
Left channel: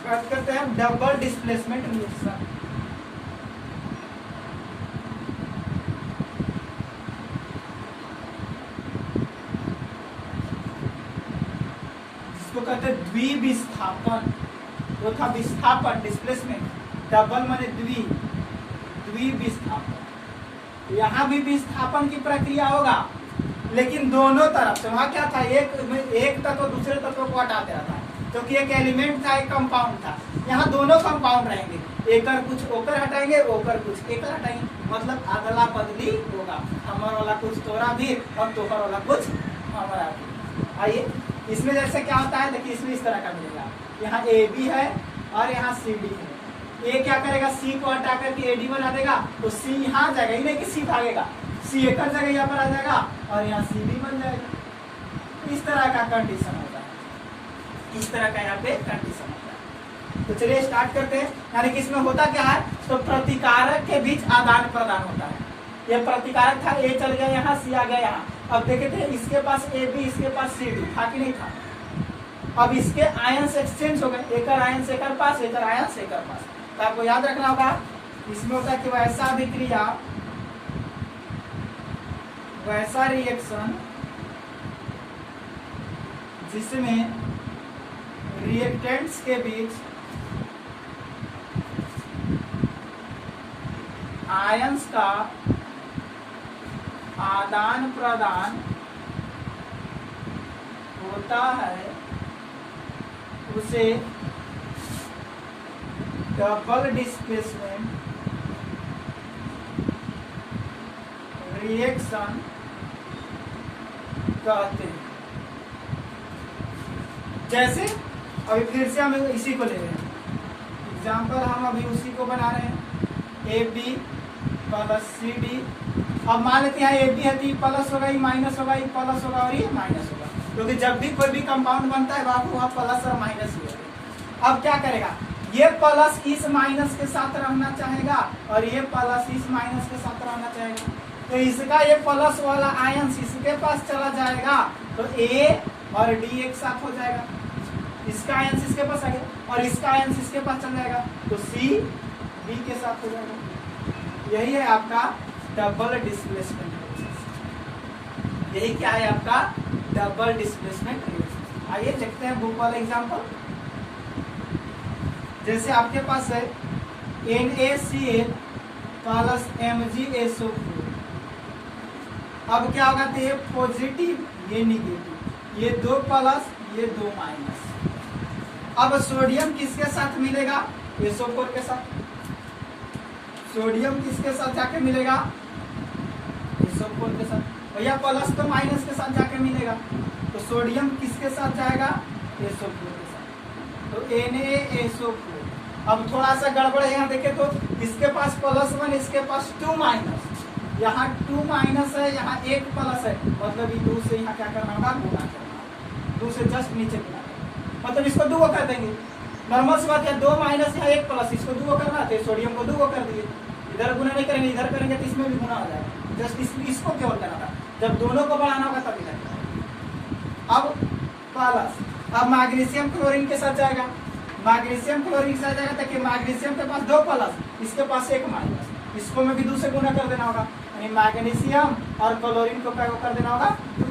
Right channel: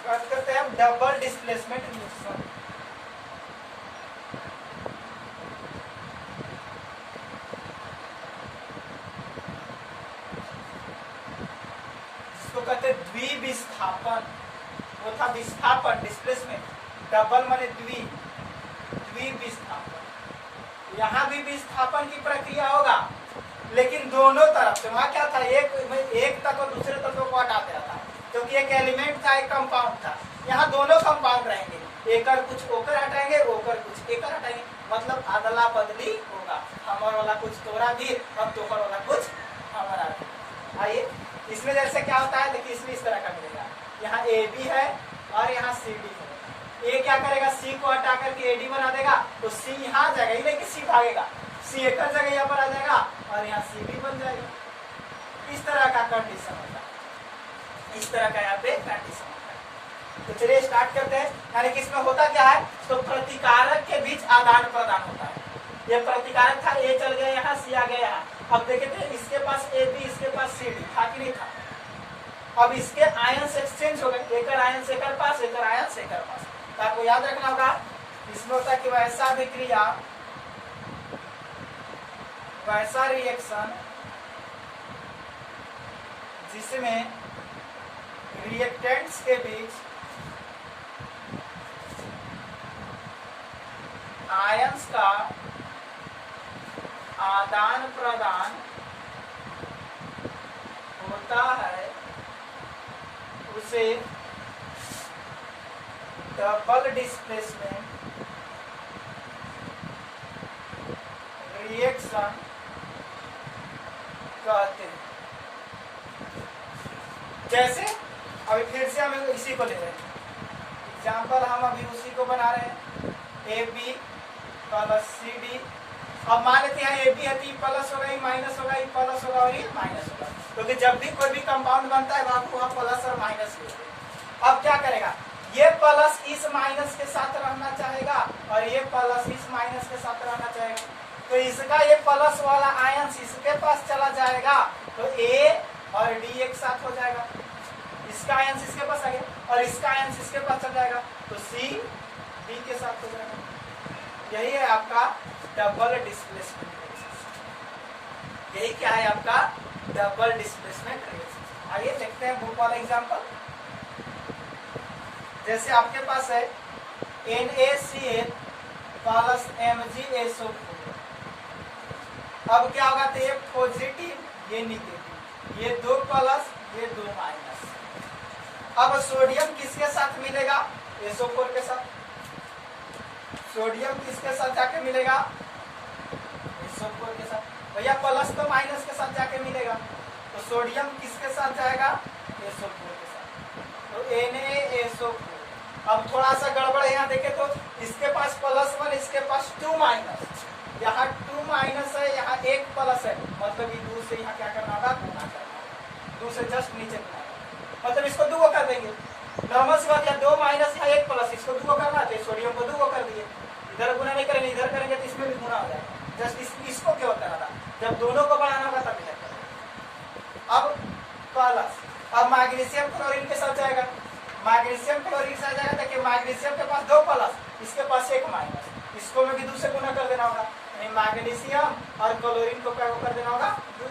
बात करते हैं डबल डिस्प्लेसमेंट रिएक्शन। जिसको कहते हैं द्विविस्थापन, वो था विस्थापन डिस्प्लेसमेंट, डबल माने द्विविस्थापन। यहाँ भी विस्थापन की प्रक्रिया होगा, लेकिन दोनों तरफ से। वहां क्या था, एक तत्व दूसरे तत्व को हटा दे रहा था, क्योंकि एक एलिमेंट था, एक कंपाउंड था। यहाँ दोनों कंपाउंड रहेंगे, एकर कुछ ओकर हटाएंगे, ओकर कुछ एकर हटाएंगे, मतलब अदला बदली होगा, हमारा वाला कुछ तोरा भी और तोहर वाला कुछ हमारा भी। आइए, इसमें जैसे क्या होता है, देखिए इसमें इस तरह का मिलेगा, यहाँ AB है और यहाँ CD है। A क्या करेगा, C को हटा करके AD बना देगा, तो C यहाँ आ जाएगा, ये नहीं कि C भागेगा, C एक जगह यहाँ पर आ जाएगा और यहाँ CD बन जाएगा। इस तरह का कंडीशन होता है, इस तरह का यहाँ पे कंडीशन होता है। तो चलिए स्टार्ट करते हैं। यानी कि इसमें होता क्या है, तो प्रतिकारक के बीच आदान प्रदान होता है। ये प्रतिकारक था, A चल गया यहाँ, C आ गया यहाँ। अब देखे थे इसके पास AB, इसके पास CD था कि नहीं था। अब इसके आयंस एक्सचेंज हो गए, एकर आयंस एकर पास, एकर आयंस एकर पास। तो आपको याद रखना होगा, इसमें होता है कि वैसा अभिक्रिया, वैसा रिएक्शन जिसमें रिएक्टेंट्स के बीच आयंस का आदान प्रदान होता है उसे डबल डिस्प्लेसमेंट रिएक्शन कहते हैं। जैसे अभी फिर से हम इसी को ले रहे हैं एग्जाम्पल, हम अभी उसी को बना रहे हैं A B plus C D. अब मान लेते हैं ए बी है तो प्लस होगा, ये माइनस होगा, ये प्लस होगा और ये माइनस होगा, क्योंकि जब भी कोई भी कंपाउंड बनता है वहाँ प्लस और माइनस ही होगा। अब क्या करेगा, ये प्लस इस माइनस के साथ रहना चाहेगा और ये प्लस इस माइनस के साथ रहना चाहेगा, तो इसका ये प्लस वाला आयंस इसके पास चला जाएगा तो ए और डी एक साथ हो जाएगा, इसका आयंस इसके पास आ गया और इसका आयंस इसके पास चल जाएगा तो सी बी के साथ हो जाएगा। यही है आपका डबल डिस्प्लेसमेंट रिएक्शन। यही क्या है आपका डबल डिस्प्लेसमेंट रिएक्शन। आइए देखते हैं बुक वाला एग्जांपल। जैसे आपके पास है NaCl प्लस MgSO4। अब क्या होगा, तो ये पॉजिटिव ये निगेटिव, ये 2 प्लस ये 2 माइनस। अब सोडियम किसके साथ मिलेगा, SO4 के साथ। सोडियम किसके साथ जाके मिलेगा, SO4 के साथ। भैया प्लस तो माइनस के साथ जाके मिलेगा, तो सोडियम किसके साथ जाएगा, SO4 के साथ, तो NaSO4। अब थोड़ा सा गड़बड़ है, यहाँ देखे तो इसके पास +1 इसके पास 2 माइनस, यहाँ 2 माइनस है, यहाँ 1 प्लस है, मतलब ये 2 से यहाँ क्या करना होगा, गुना करना होगा, 2 से जस्ट नीचे गुना, मतलब इसको 2 कर देंगे। नॉर्मल सी बात है, 2 माइनस यहाँ 1 प्लस, इसको 2 करना है, सोडियम को 2 कर दिए। इधर गुना नहीं करेंगे, इधर करेंगे तो इसमें भी गुना हो जाएगा, जस्ट इसको क्यों करना था, जब दोनों को बढ़ाना होगा तब इधर। अब प्लस, अब मैग्नीशियम क्लोरीन के साथ जाएगा, मैग्नीशियम क्लोरीन के साथ जाएगा, देखिए मैग्नीशियम के पास 2 प्लस, इसके पास 1 माइनस, इसको में भी 2 से गुना कर देना होगा, यानी मैग्नीशियम और क्लोरीन को क्या कर देना होगा,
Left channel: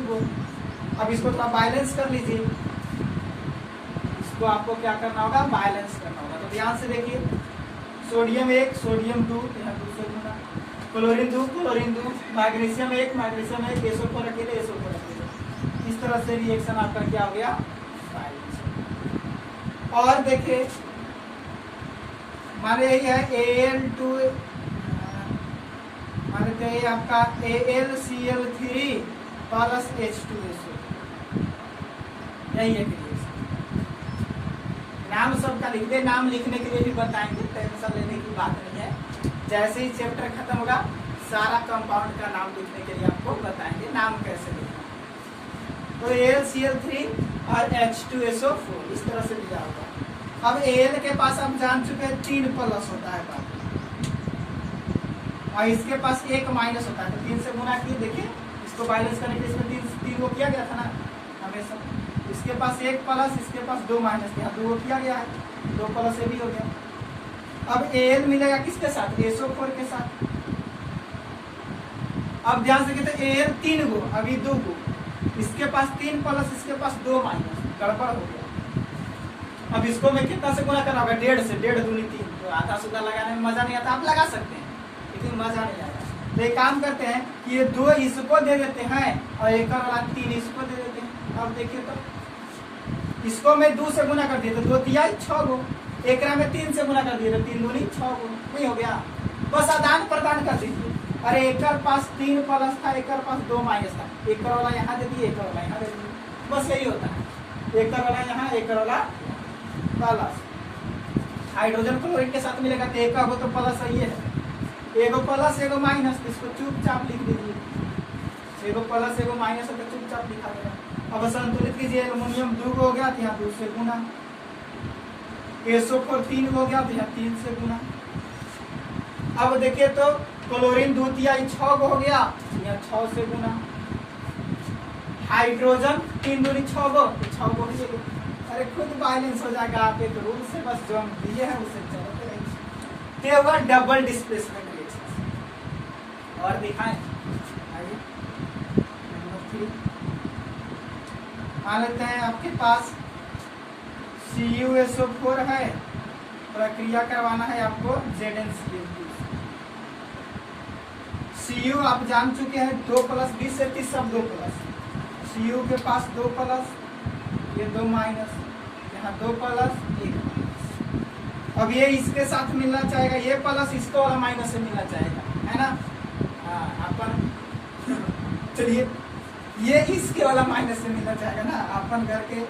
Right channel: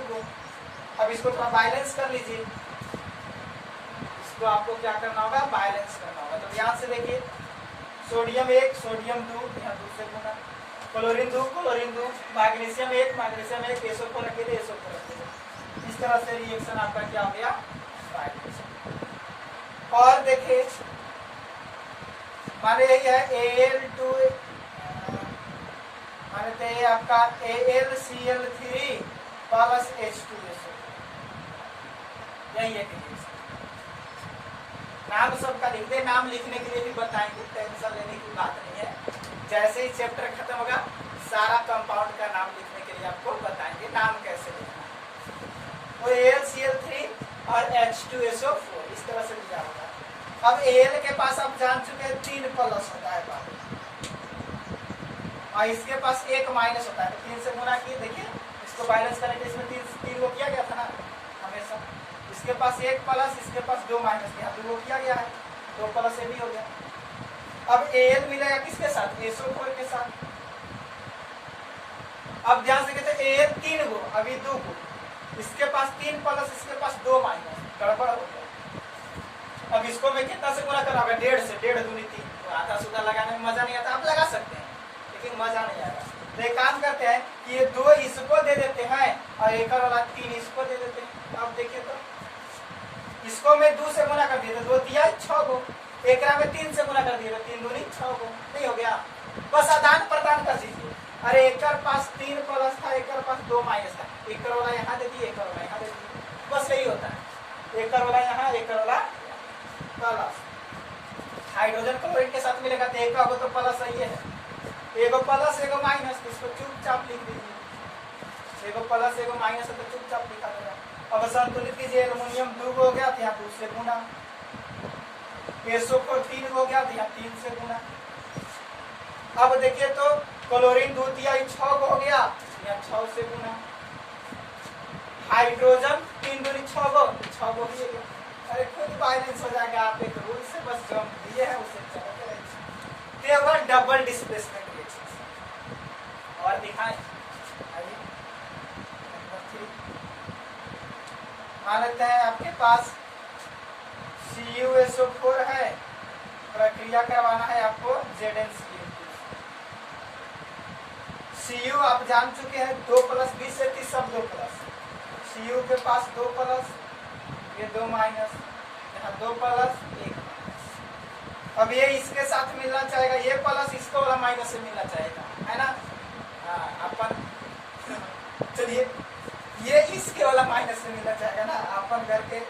2। अब इसको थोड़ा बैलेंस कर लीजिए, इसको आपको क्या करना होगा, बैलेंस करना होगा। तो ध्यान से देखिए, सोडियम 1 सोडियम 2, यहाँ 2 से गुना, chlorine 2 chlorine 2, magnesium 1 magnesium 1, SO4 अकेले SO4 अकेले। इस तरह से रिएक्शन आपका क्या हो गया, और देखिए माने यही है Al2 माने ये आपका AlCl3 प्लस H2SO, यही है। नाम सबका लिख दे, नाम लिखने के लिए भी बताएंगे, टेंशन लेने की बात नहीं है। जैसे ही चैप्टर खत्म होगा सारा कंपाउंड का नाम लिखने के लिए आपको बताएंगे नाम कैसे लिखना। तो AlCl3 और H2SO4 इस तरह से लिखा होगा। अब Al के पास हम जान चुके हैं 3 प्लस होता है और इसके पास 1 माइनस होता है, तो 3 से गुना किए, देखिए इसको बैलेंस करने के लिए इसमें 3 वो किया गया था ना हमेशा। इसके पास 1 प्लस, इसके पास 2 माइनस, यहाँ 2 किया गया है, 2 प्लस ये भी हो गया। अब Al मिलेगा किसके साथ, SO4 के साथ। अब ध्यान से कहते हैं Al 3 गो, अभी 2 गो, इसके पास 3 प्लस, इसके पास 2 माइनस, गड़बड़ हो गया। अब इसको मैं कितना से गुना करना होगा, 1.5 से, 1.5 दूनी 3, तो आधा सुधा लगाने में मजा नहीं आता, आप लगा सकते हैं लेकिन मजा नहीं आएगा। तो एक काम करते हैं कि ये 2 इसको दे देते हैं और एक वाला 3 इसको दे देते हैं। अब देखिए तो इसको मैं 2 से गुना कर दिया तो 2 तिया 6 गो, एक में 3 से गुना कर दिया तो 3 दूनी 6 गो, नहीं हो गया, बस आदान प्रदान कर दीजिए। अरे एक पास 3 प्लस था, एक पास 2 माइनस था, एक वाला यहाँ दे दिए, एक वाला यहाँ दे दिए, बस यही होता है। एक वाला यहाँ, एक वाला प्लस। हाइड्रोजन क्लोरीन के साथ मिलेगा तो एक तो प्लस है, ये है, एगो प्लस एगो माइनस, इसको चुपचाप लिख दीजिए, एगो प्लस एगो माइनस है तो चुपचाप लिखा गया। अब संतुलित कीजिए, एल्युमिनियम 2 हो गया तो यहाँ 2 से गुना, SO4 3 हो गया तो यहाँ 3 से गुना। अब देखिए तो क्लोरीन 2 तिया 6 हो गया, यहाँ 6 से गुना। हाइड्रोजन 3 दूनी 6 गो, 6 गो ही है। अरे खुद बैलेंस हो जाएगा, आप एक रूल से बस जो हम दिए हैं उसे चलाते रहिए। तो डबल डिस्प्लेसमेंट रिएक्शन और दिखाएं, आइए मान लेते हैं आपके पास CuSO4 है, प्रक्रिया करवाना है आपको ZnCl2। Cu आप जान चुके हैं 2 प्लस 20 से 30 सब 2 प्लस, Cu के पास 2 प्लस, ये 2 माइनस, यहाँ 2 प्लस 1 माइनस। अब ये इसके साथ मिलना चाहेगा, ये प्लस इसको वाला माइनस से मिलना चाहेगा, है ना। अपन चलिए ये इसके वाला माइनस से मिलना चाहेगा ना, अपन घर के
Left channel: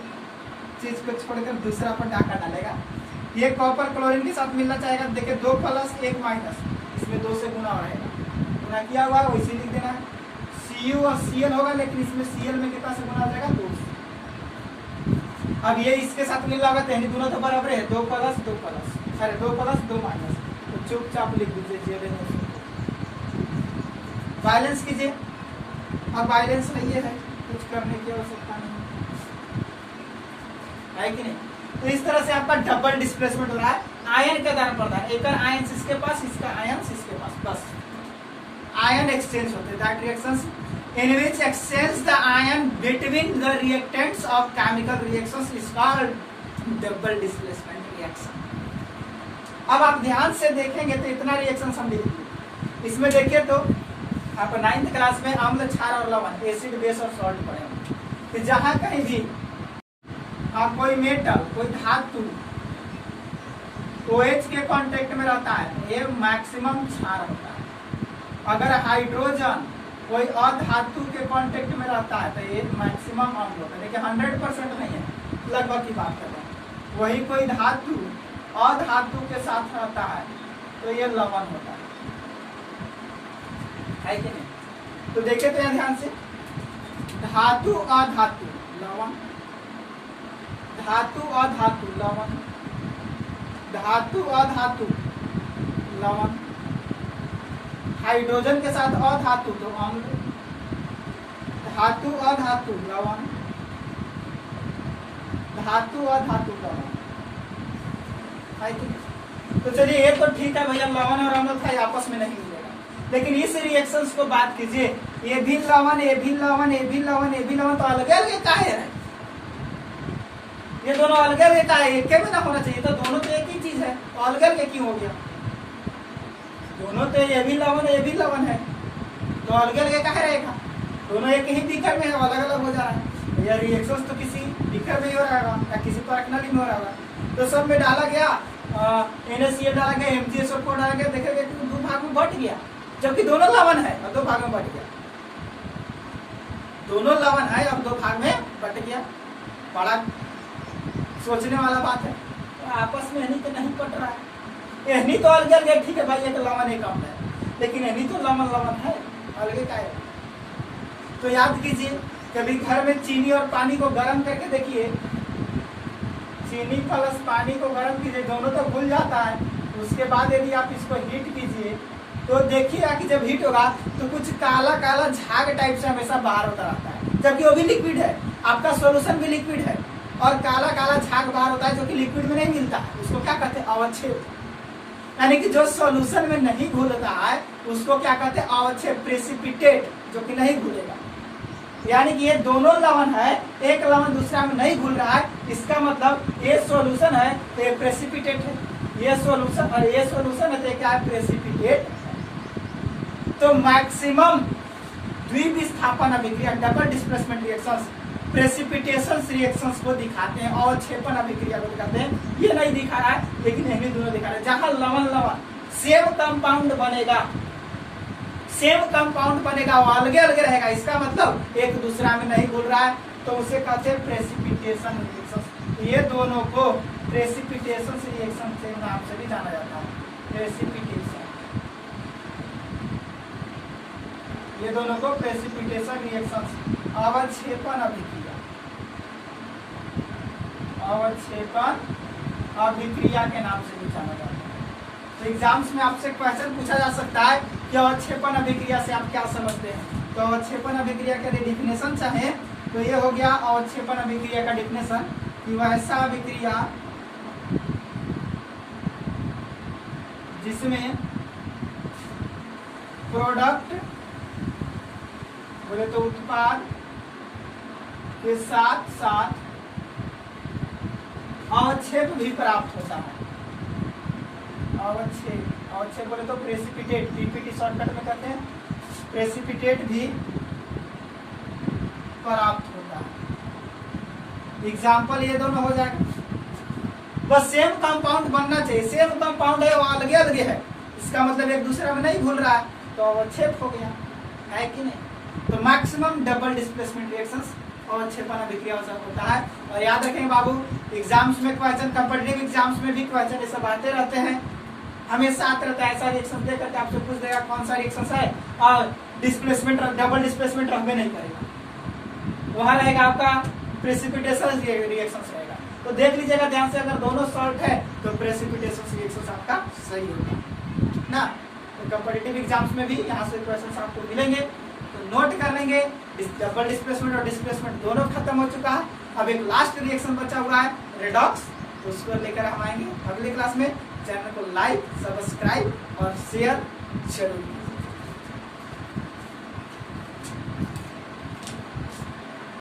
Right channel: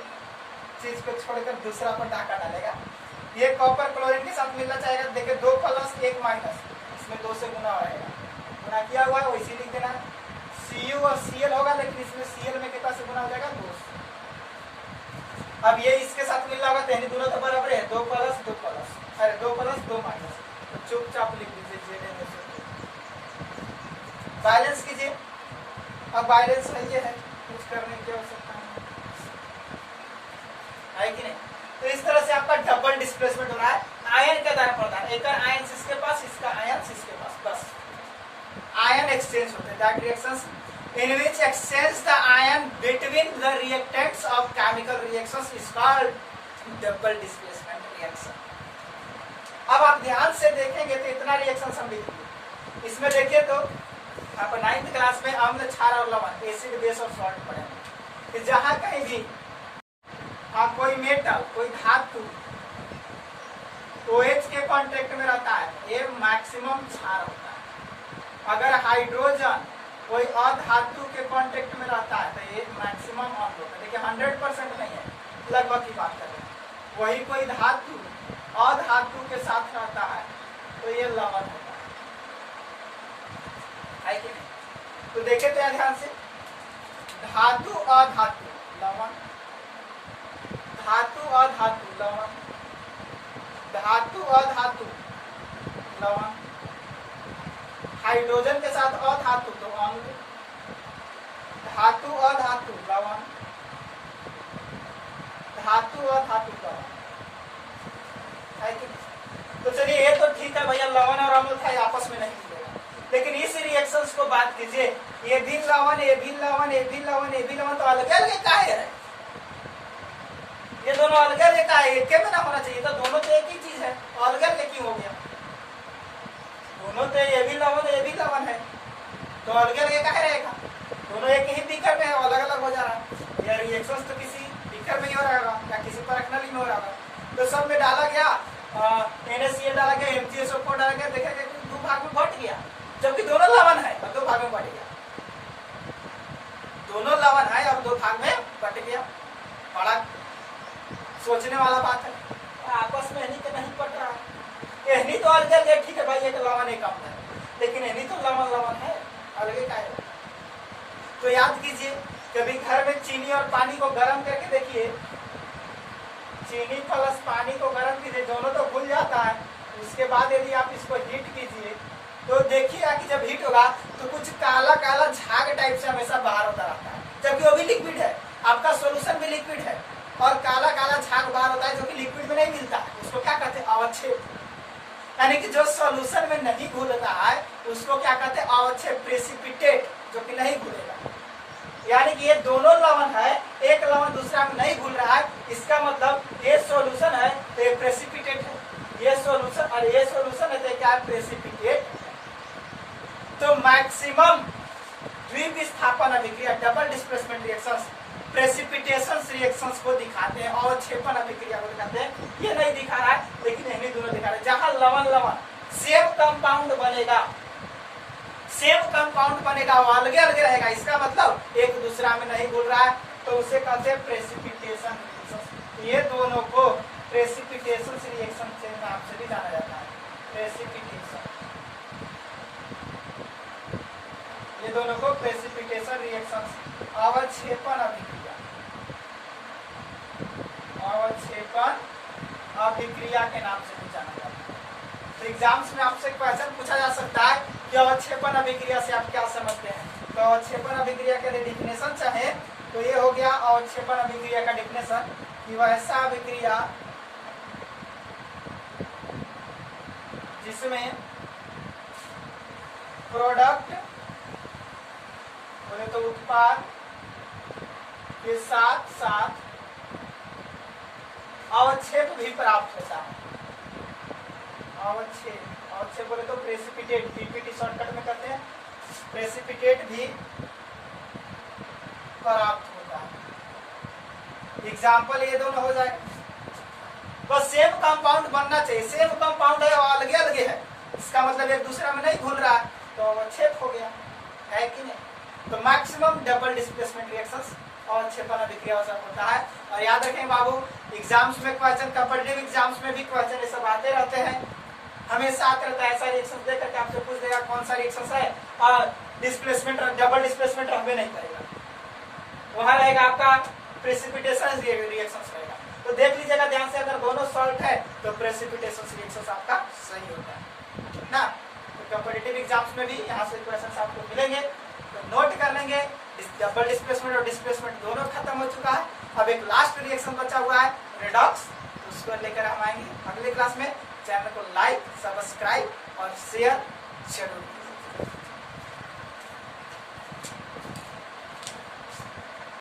चीज को छोड़कर दूसरा अपन डाका डालेगा। ये कॉपर क्लोरीन के साथ मिलना चाहेगा, देखिए 2 प्लस 1 माइनस, इसमें 2 से गुना हो रहेगा, गुना किया हुआ है वैसे लिख देना। Cu और Cl होगा, लेकिन इसमें Cl में कितना से गुना हो जाएगा 2 से। अब ये इसके साथ मिल रहा होगा, तो दोनों तो बराबर है, 2 प्लस 2 प्लस, अरे 2 प्लस 2 माइनस, तो चुपचाप लिख दीजिए Zn। बैलेंस कीजिए, अब बैलेंस नहीं है, कुछ करने की आवश्यकता नहीं है कि नहीं। तो इस तरह से आपका डबल डिस्प्लेसमेंट हो रहा है आयन के आदान प्रदान, एक आयन इसके पास, इसका आयन इसके पास, बस आयन एक्सचेंज होते हैं। That reactions in which exchange the ion between the reactants of chemical reactions is called double displacement reaction. अब आप ध्यान से देखेंगे तो इतना रिएक्शन हम लिखेंगे। इसमें देखिए तो आप 9th क्लास में अम्ल, क्षार और लवण, एसिड, बेस और सॉल्ट पढ़े होंगे। तो जहां कहीं भी आप कोई मेटल, कोई धातु OH के कांटेक्ट में रहता है, ये मैक्सिमम क्षार होता है। अगर हाइड्रोजन कोई अधातु के कांटेक्ट में रहता है तो ये मैक्सिमम अम्ल होता है। देखिए 100% नहीं है, लगभग की बात कर रहे हैं। वही कोई धातु अधातु के साथ रहता है तो ये लवण होता है कि नहीं। तो देखे तो यहाँ ध्यान से, धातु अधातु लवण, धातु अधातु लवण, धातु अधातु लवण, हाइड्रोजन के साथ अधातु तो अम्ल, धातु अधातु लवण, धातु अधातु लवण। तो चलिए ये तो ठीक है भैया, लवण और अम्ल था, आपस में नहीं मिलेगा। लेकिन इस रिएक्शंस को बात कीजिए, ये भी लवण, ये भी लवण, ये भी लवण, ये भी लवण, तो अलग अलग का है, ये दोनों अलग अलग का है, एक में ना होना चाहिए। तो दोनों तो एक ही चीज है, अलग अलग क्यों हो गया? दोनों तो ये भी लवण, ये भी लवण है, तो अलग अलग का है रहेगा। दोनों एक ही बीकर में है, अलग अलग हो जा रहा है। यह रिएक्शंस तो किसी बीकर में ही हो रहा होगा या किसी परखनली में हो रहा होगा। तो सब में डाला गया, NaCl डाला गया, MgSO4 डाला गया, देखेगा कि 2 भाग में बट गया, जबकि दोनों लवण है और 2 भाग में बट गया। दोनों लवण है और 2 भाग में बट गया। बड़ा सोचने वाला बात है। तो आपस में एहनी तो नहीं पट रहा है, एहनी तो अलग अलग, ठीक है भाई, एक लवण एक अम्ल है, लेकिन एहनी तो लवण लवण है, अलग का है। तो याद कीजिए, कभी घर में चीनी और पानी को गर्म करके देखिए, चीनी प्लस पानी को गर्म कीजिए, दोनों तो घुल जाता है। उसके बाद यदि आप इसको हीट कीजिए तो देखिएगा कि जब हीट होगा तो कुछ काला काला झाग टाइप से हमेशा बाहर होता रहता है, जबकि वो भी लिक्विड है, आपका सोल्यूशन भी लिक्विड है, और काला काला झाग बाहर होता है जो कि लिक्विड में नहीं मिलता है। उसको क्या कहते हैं? अवक्षेप। यानी कि जो सोल्यूशन में नहीं घुल रहा है उसको क्या कहते हैं? अवक्षेप, प्रेसिपिटेट, जो कि नहीं घुलेगा। यानी कि ये दोनों लवण है, एक लवण दूसरा में नहीं घुल रहा है, इसका मतलब ये सॉल्यूशन है तो ये प्रेसिपिटेट है, ये सॉल्यूशन और ये सॉल्यूशन है तो क्या है? प्रेसिपिटेट। तो मैक्सिमम द्विविस्थापन अभिक्रिया, double displacement reactions, precipitation reactions को दिखाते हैं और छेपन अभिक्रिया को दिखाते हैं। ये नहीं दिखा रहा है, लेकिन ये दोनों दिखा रहे हैं। जहां लवण लवण सेम कंपाउंड बनेगा, सेम कंपाउंड बनेगा, वो अलग अलग रहेगा, इसका मतलब एक दूसरा में नहीं घुल रहा है, तो उसे कहते हैं प्रेसिपिटेशन रिएक्शन। ये दोनों को प्रेसिपिटेशन रिएक्शन के नाम से भी जाना जाता है, प्रेसिपिटेशन। ये दोनों को प्रेसिपिटेशन रिएक्शन, अवक्षेपण अभिक्रिया, अवक्षेपण अभिक्रिया के नाम से भी जाना जाता है। तो एग्जाम्स में आपसे क्वेश्चन पूछा जा सकता है कि अवक्षेपण अभिक्रिया से आप क्या समझते हैं। तो अवक्षेपण अभिक्रिया के लिए डिफिनेशन चाहे तो ये हो गया अवक्षेपण अभिक्रिया का डिफिनेशन, कि वह ऐसा अभिक्रिया जिसमें प्रोडक्ट बोले तो उत्पाद के साथ साथ अवक्षेप भी प्राप्त होता है। अवक्षेप, अवक्षेप बोले तो प्रेसिपिटेट, पीपीटी शॉर्टकट में कहते हैं, प्रेसिपिटेट भी प्राप्त होता है। एग्जाम्पल ये दोनों हो जाए, बस सेम कंपाउंड बनना चाहिए, सेम कंपाउंड है और अलग अलग है, इसका मतलब एक दूसरे में नहीं घुल रहा तो अवक्षेप हो गया, है कि नहीं। तो मैक्सिमम डबल डिस्प्लेसमेंट रिएक्शंस अवक्षेपन अभिक्रिया होता है। और याद रखेंगे बाबू, एग्जाम्स में क्वेश्चन, कॉम्पिटिटिव एग्जाम्स में भी क्वेश्चन ये सब आते रहते हैं, हमेशा आते रहता है। ऐसा रिएक्शन दे करके आपसे पूछ देगा कौन सा रिएक्शन है और डिस्प्लेसमेंट डबल डिस्प्लेसमेंट हमें नहीं करेगा, वहां रहेगा आपका प्रेसिपिटेशन रिएक्शन रहेगा। तो देख लीजिएगा ध्यान से, अगर दोनों सॉल्ट है तो प्रेसिपिटेशन रिएक्शन आपका सही होगा ना। तो कॉम्पिटिटिव एग्जाम्स में भी यहाँ से क्वेश्चन आपको मिलेंगे, तो नोट कर लेंगे। डबल डिस्प्लेसमेंट और डिस्प्लेसमेंट दोनों खत्म हो चुका है, अब एक लास्ट रिएक्शन बचा हुआ है रेडॉक्स, तो उसको लेकर हम आएंगे अगले क्लास में। चैनल को लाइक, सब्सक्राइब और शेयर जरूर।